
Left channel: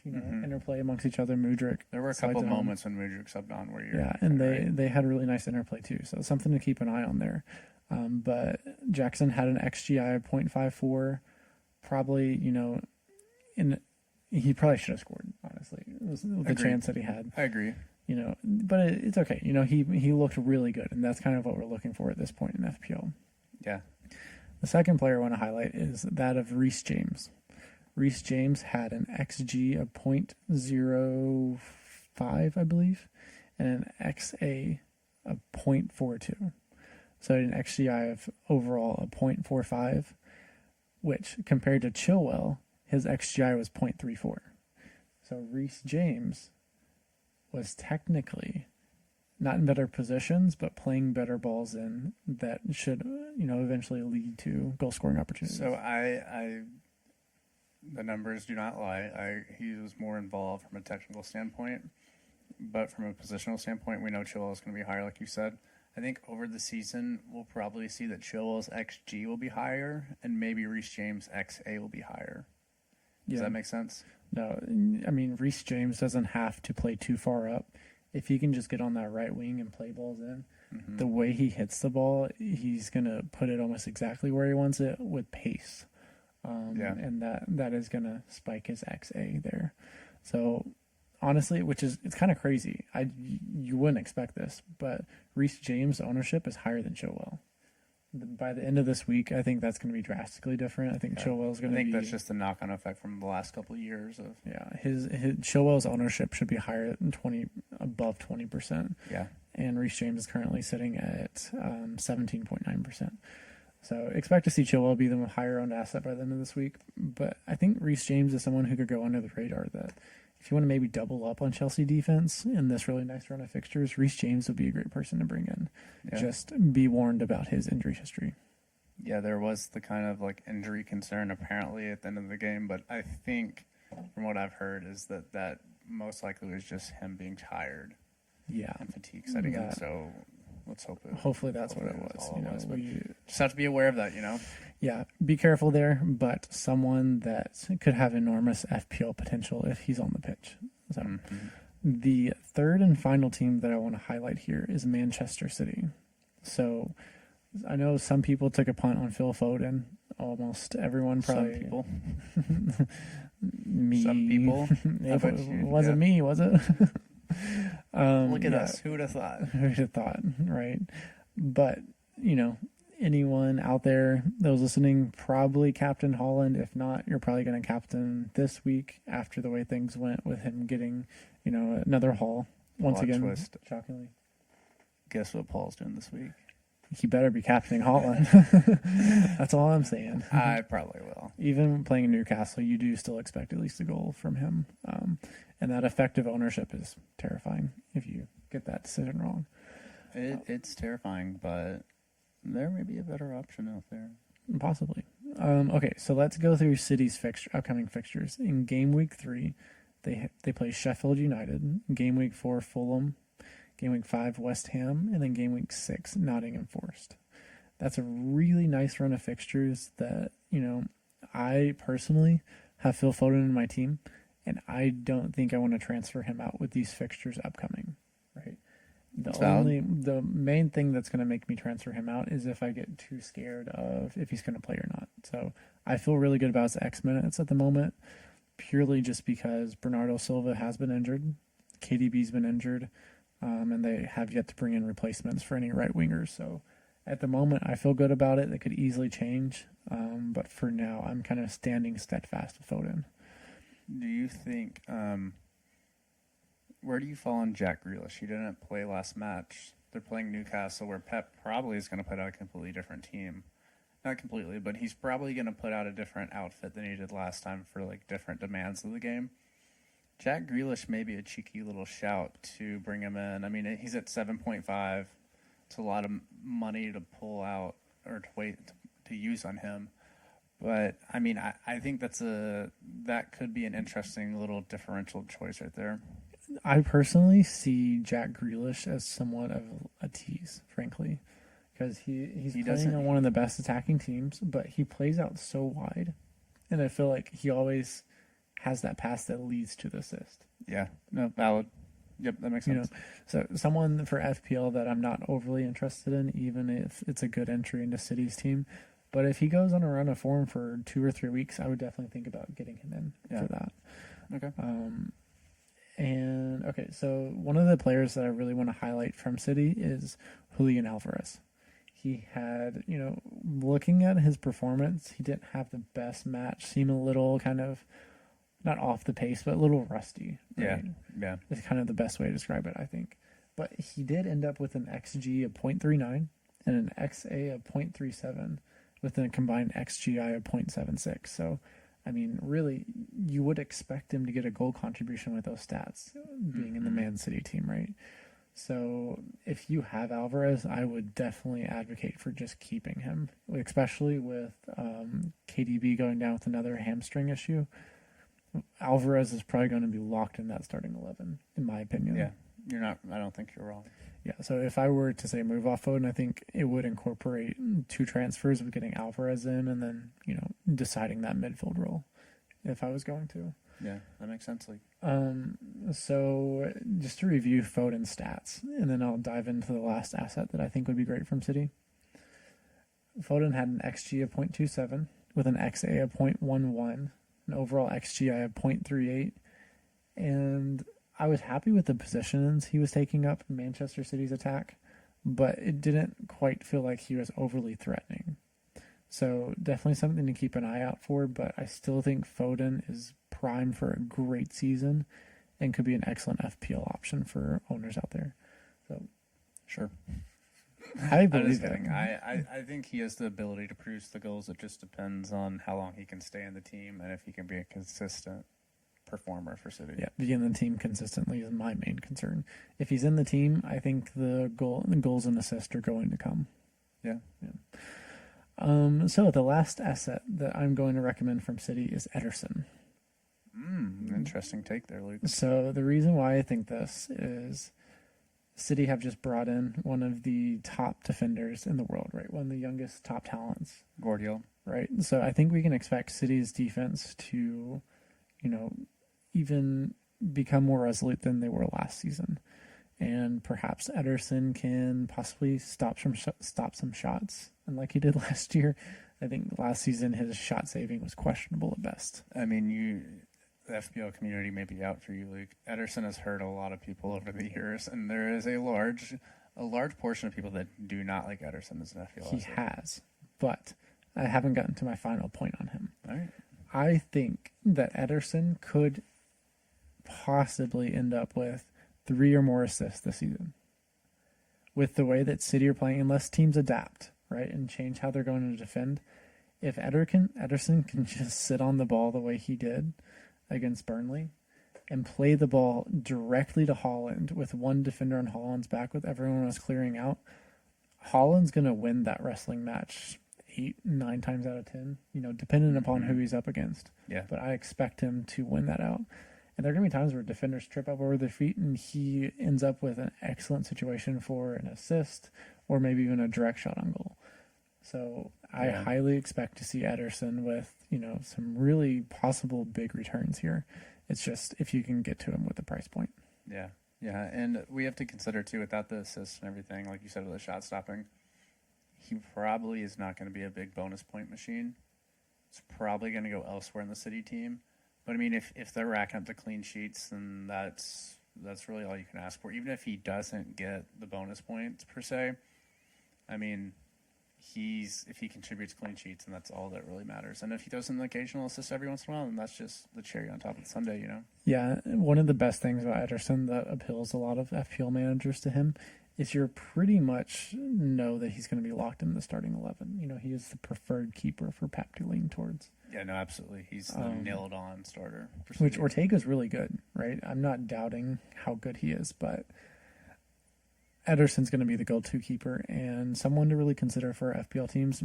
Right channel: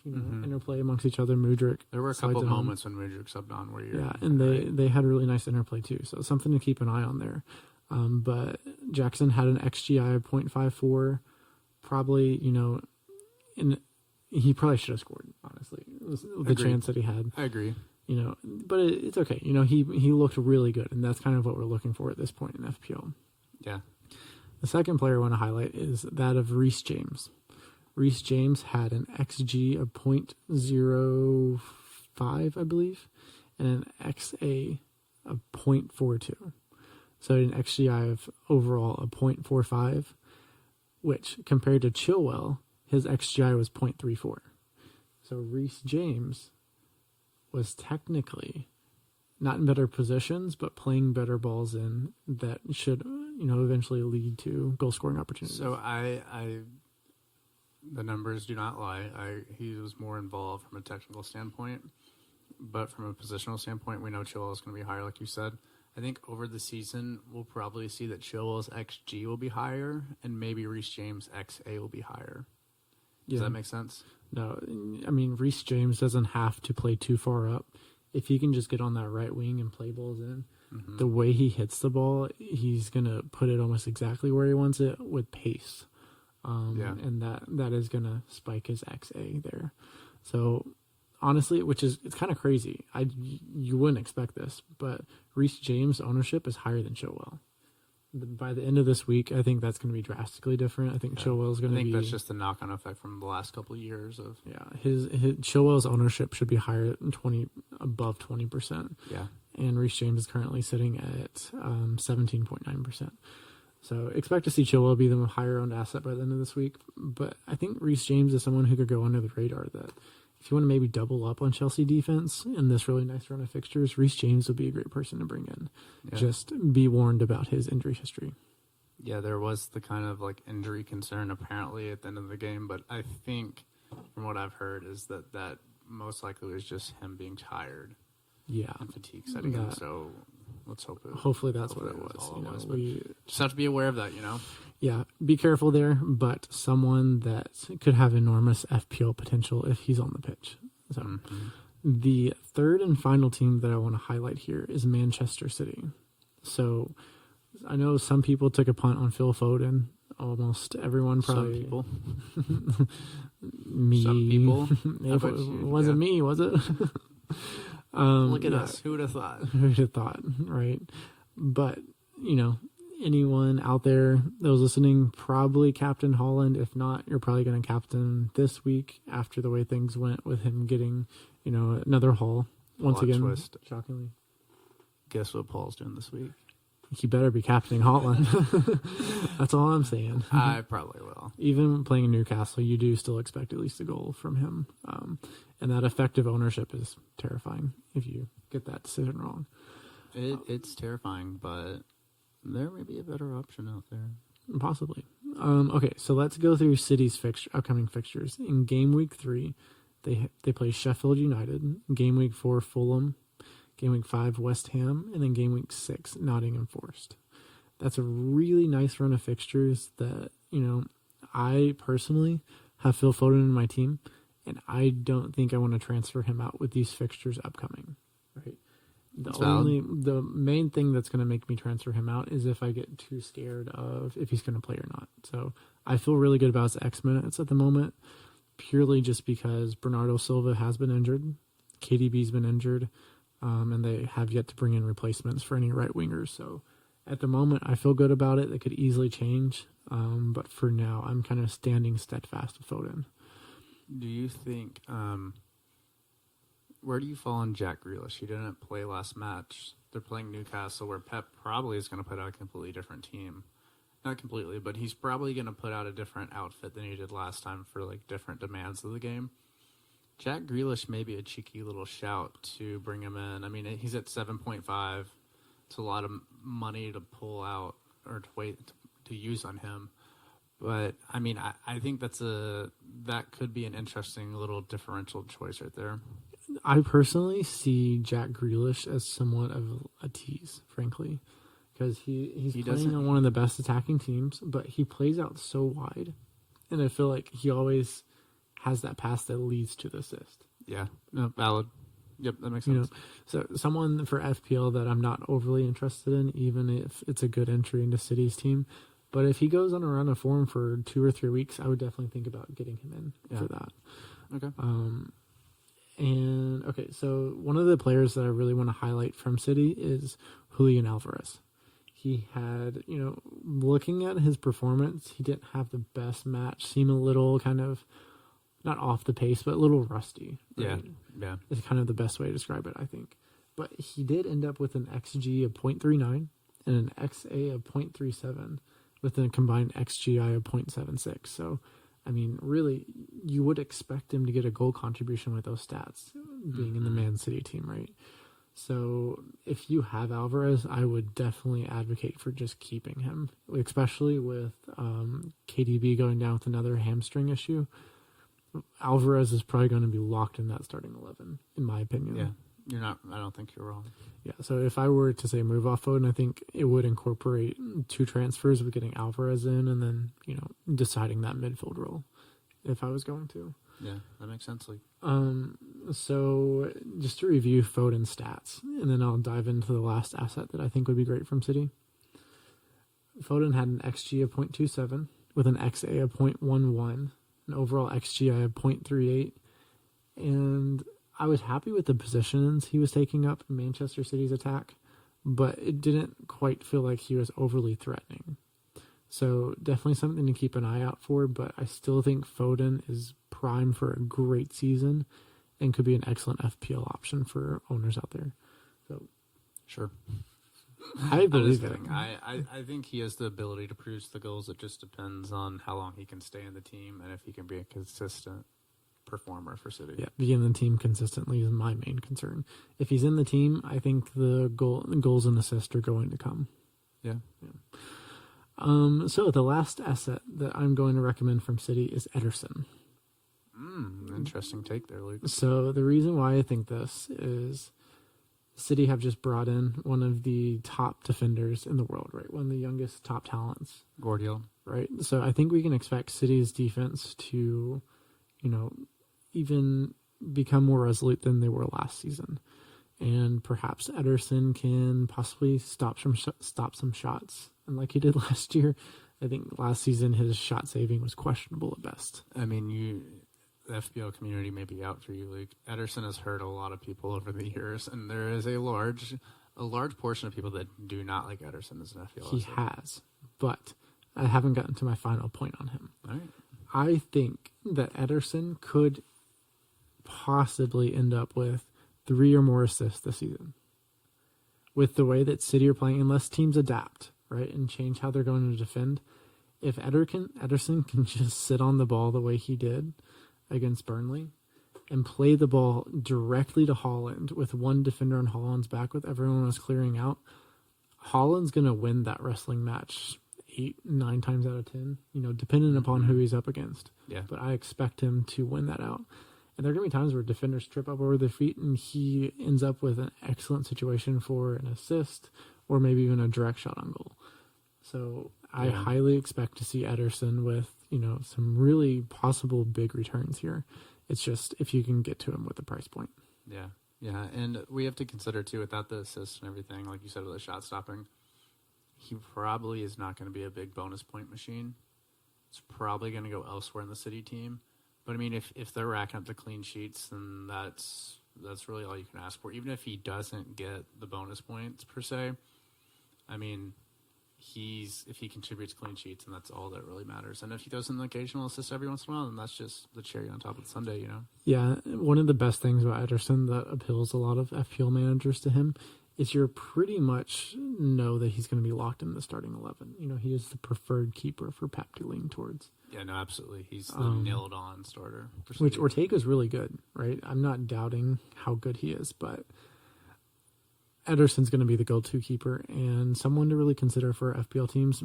interplay amongst each other. Mudryk. There were a couple of moments when Mudryk subbed on where they had a really nice interplay too. So something to keep an eye on there. But Jackson had an XGI of 0.54. Probably, he probably should have scored. Honestly, the chance that he had. I agree. But it's okay. He looked really good, and that's kind of what we're looking for at this point in FPL. Yeah. The second player I want to highlight is that of Reece James. Reece James had an XG of 0.05, I believe, and an XA of 0.42. So an XGI of overall of 0.45, which compared to Chilwell, his XGI was 0.34. So Reece James was technically not in better positions, but playing better balls in that should, eventually lead to goal scoring opportunities. So the numbers do not lie. He was more involved from a technical standpoint, but from a positional standpoint, we know Chilwell is going to be higher, like you said. I think over the season, we'll probably see that Chilwell's XG will be higher, and maybe Reece James' XA will be higher. Does that make sense? No, I mean, Reece James doesn't have to play too far up. If he can just get on that right wing and play balls in, the way he hits the ball, he's going to put it almost exactly where he wants it with pace. And that is going to spike his XA there. So honestly, it's kind of crazy. You wouldn't expect this, but Reece James' ownership is higher than Chilwell. By the end of this week, I think that's going to be drastically different. I think Chilwell's going to be... I think that's just the knock-on effect from the last couple of years of... Yeah, his Chilwell's ownership should be higher than above 20%. Yeah. And Reece James is currently sitting at 17.9%. So expect to see Chilwell be the higher owned asset by the end of this week. But I think Reece James is someone who could go under the radar, that if you want to maybe double up on Chelsea defense in this really nice run of fixtures, Reece James would be a great person to bring in. Yeah. Just be warned about his injury history. Yeah, there was the kind of like injury concern apparently at the end of the game, but I think from what I've heard is that most likely was just him being tired. Yeah. And fatigue setting in. So let's hope it. Hopefully that's what it was. We just have to be aware of that, Yeah, be careful there, but someone that could have enormous FPL potential if he's on the pitch. So the third and final team that I want to highlight here is Manchester City. So I know some people took a punt on Phil Foden. Almost everyone probably. Some people. Me. Some people. It wasn't me, was it? Look at us. Who would have thought? Who would have thought, right? But, anyone out there that was listening, probably Captain Holland. If not, you're probably going to captain this week after the way things went with him getting, another haul. Once again, twist. Shockingly. Guess what Paul's doing this week? He better be captaining Holland. That's all I'm saying. I probably will. Even playing in Newcastle, you do still expect at least a goal from him. And that effective ownership is terrifying if you get that decision wrong. It's terrifying, but there may be a better option out there. Possibly. Okay, so let's go through City's upcoming fixtures. In Game Week 3, they play Sheffield United. Game Week 4, Fulham. Game Week 5, West Ham. And then Game Week 6, Nottingham Forest. That's a really nice run of fixtures that, I personally have Phil Foden in my team, and I don't think I want to transfer him out with these fixtures upcoming, right? The main thing that's going to make me transfer him out is if I get too scared of if he's going to play or not. So I feel really good about his X minutes at the moment, purely just because Bernardo Silva has been injured, KDB's been injured, and they have yet to bring in replacements for any right wingers. So at the moment, I feel good about it. It could easily change, but for now, I'm kind of standing steadfast with Foden. Do you think, where do you fall on Jack Grealish? He didn't play last match. They're playing Newcastle, where Pep probably is going to put out a completely different team. Not completely, but he's probably going to put out a different outfit than he did last time for like different demands of the game. Jack Grealish may be a cheeky little shout to bring him in. I mean, he's at 7.5. It's a lot of money to pull out or to wait to use on him. But I mean, I think that could be an interesting little differential choice right there. I personally see Jack Grealish as somewhat of a tease, frankly, because he's playing on one of the best attacking teams, but he plays out so wide, and I feel like he always has that pass that leads to the assist. Yeah, no, valid. Yep, that makes sense. So someone for FPL that I'm not overly interested in, even if it's a good entry into City's team. But if he goes on a run of form for 2 or 3 weeks, I would definitely think about getting him in for that. Okay. So one of the players that I really want to highlight from City is Julian Alvarez. He had, looking at his performance, he didn't have the best match. Seemed a little kind of, not off the pace, but a little rusty. Right? Yeah. It's kind of the best way to describe it, I think. But he did end up with an XG of 0.39 and an XA of 0.37 with a combined XGI of 0.76. So, I mean, really, you would expect him to get a goal contribution with those stats, being in the Man City team, right? So if you have Alvarez, I would definitely advocate for just keeping him, especially with KDB going down with another hamstring issue. Alvarez is probably going to be locked in that starting 11, in my opinion. Yeah, I don't think you're wrong. Yeah, so if I were to say move off Foden, I think it would incorporate 2 transfers with getting Alvarez in and then, deciding that midfield role if I was going to. Yeah, that makes sense. So just to review Foden's stats, and then I'll dive into the last asset that I think would be great from City. Foden had an XG of 0.27 with an XA of 0.11, an overall XGI of 0.38, and I was happy with the positions he was taking up in Manchester City's attack, but it didn't quite feel like he was overly threatening. So definitely something to keep an eye out for, but I still think Foden is primed for a great season and could be an excellent FPL option for owners out there. So, sure. I believe it. I think he has the ability to produce the goals. It just depends on how long he can stay in the team and if he can be a consistent performer for City. Yeah, being in the team consistently is my main concern. If he's in the team, I think the goals and assists are going to come. Yeah. So the last asset that I'm going to recommend from City is Ederson. Interesting take there, Luke. So the reason why I think this is City have just brought in one of the top defenders in the world, right? One of the youngest top talents. Guardiola. Right. So I think we can expect City's defense to, even become more resolute than they were last season. And perhaps Ederson can possibly stop some shots. And like he did last year, I think last season his shot saving was questionable at best. I mean, the FPL community may be out for you, Luke. Ederson has hurt a lot of people over the years, and there is a large portion of people that do not like Ederson as an FPL. He has, but I haven't gotten to my final point on him. All right. I think that Ederson could possibly end up with 3 or more assists this season. With the way that City are playing, unless teams adapt, right, and change how they're going to defend, if Ederson can just sit on the ball the way he did against Burnley and play the ball directly to Haaland with one defender on Haaland's back with everyone else clearing out, Haaland's going to win that wrestling match 8-9 times out of 10, depending upon who he's up against. Yeah. But I expect him to win that out. And there are going to be times where defenders trip up over their feet and he ends up with an excellent situation for an assist or maybe even a direct shot on goal. So I highly expect to see Ederson with, some really possible big returns here. It's just if you can get to him with the price point. Yeah. Yeah. And we have to consider too, without the assists and everything, like you said, with the shot stopping, he probably is not going to be a big bonus point machine. It's probably going to go elsewhere in the City team. But I mean, if they're racking up the clean sheets, then that's really all you can ask for. Even if he doesn't get the bonus points per se, I mean, if he contributes clean sheets, and that's all that really matters. And if he does an occasional assist every once in a while, then that's just the cherry on top of the sundae, Yeah, one of the best things about Ederson that appeals a lot of FPL managers to him is you're pretty much know that he's going to be locked in the starting 11. He is the preferred keeper for Pep to lean towards. Yeah, no, absolutely. He's the nailed-on starter. Which Ortega's really good, right? I'm not doubting how good he is, but Ederson's going to be the go-to keeper and someone to really consider for FPL teams.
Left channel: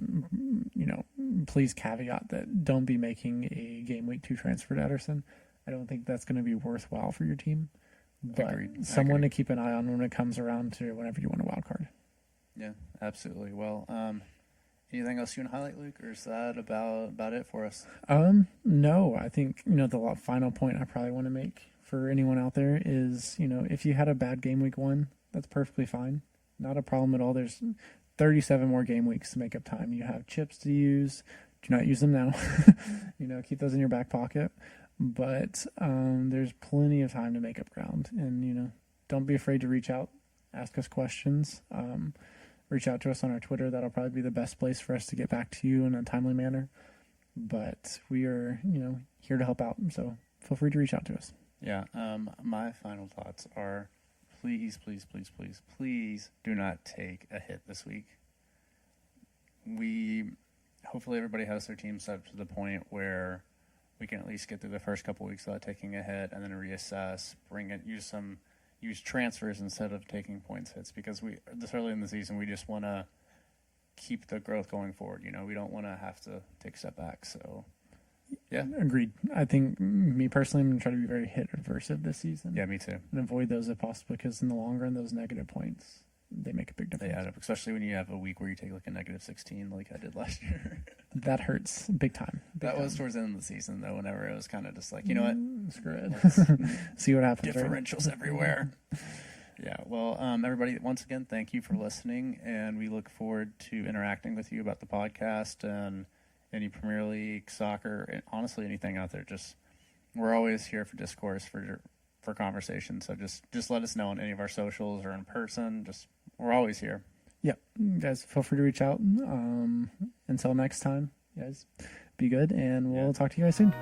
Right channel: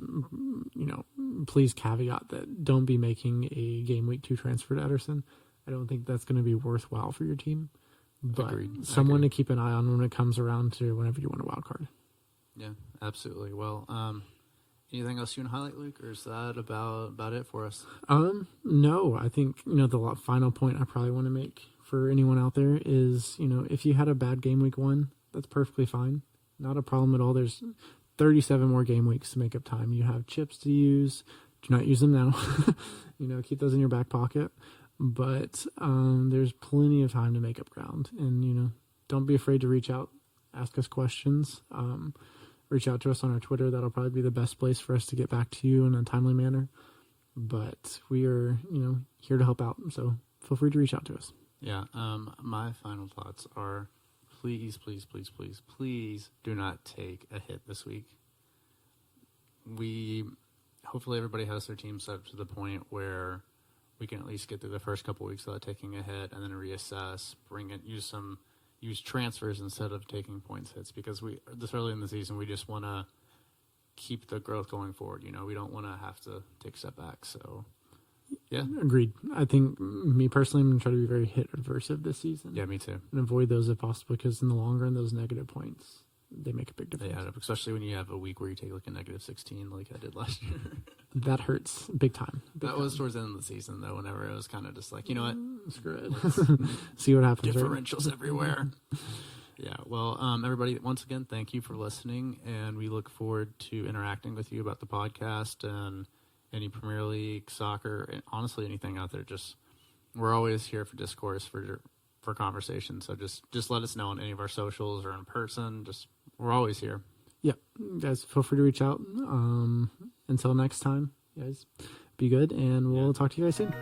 Please caveat that don't be making a game week 2 transfer to Ederson. I don't think that's going to be worthwhile for your team. But Agreed. someone to keep an eye on when it comes around to whenever you want a wild card. Yeah, absolutely. Well, anything else you want to highlight, Luke, or is that about it for us? No, I think, the final point I probably want to make for anyone out there is, if you had a bad game week 1, that's perfectly fine. Not a problem at all. There's 37 more game weeks to make up time. You have chips to use. Do not use them now. Keep those in your back pocket. But there's plenty of time to make up ground. And, don't be afraid to reach out, ask us questions. Reach out to us on our Twitter. That'll probably be the best place for us to get back to you in a timely manner. But we are, here to help out. So feel free to reach out to us. Yeah. My final thoughts are, please, please, please, please, please do not take a hit this week. Hopefully everybody has their team set up to the point where we can at least get through the first couple weeks without taking a hit, and then reassess, use transfers instead of taking points hits, because this early in the season we just want to keep the growth going forward. We don't want to have to take a step back. So yeah, agreed. I think me personally, I'm going to try to be very hit aversive this season. Yeah, me too. And avoid those if possible, because in the long run, those negative points, they make a big difference. They add up, especially when you have a week where you take like a negative 16 like I did last year. That hurts big time. That was towards the end of the season, though, whenever it was kind of just like, you know what? Screw it. See what happens. Differentials everywhere. Yeah, well, everybody, once again, thank you for listening, and we look forward to interacting with you about the podcast and any Premier League, soccer, and honestly anything out there. We're always here for discourse, for conversation, so just let us know on any of our socials or in person. We're always here. Yeah, guys, feel free to reach out. Until next time, guys, be good, and we'll talk to you guys soon.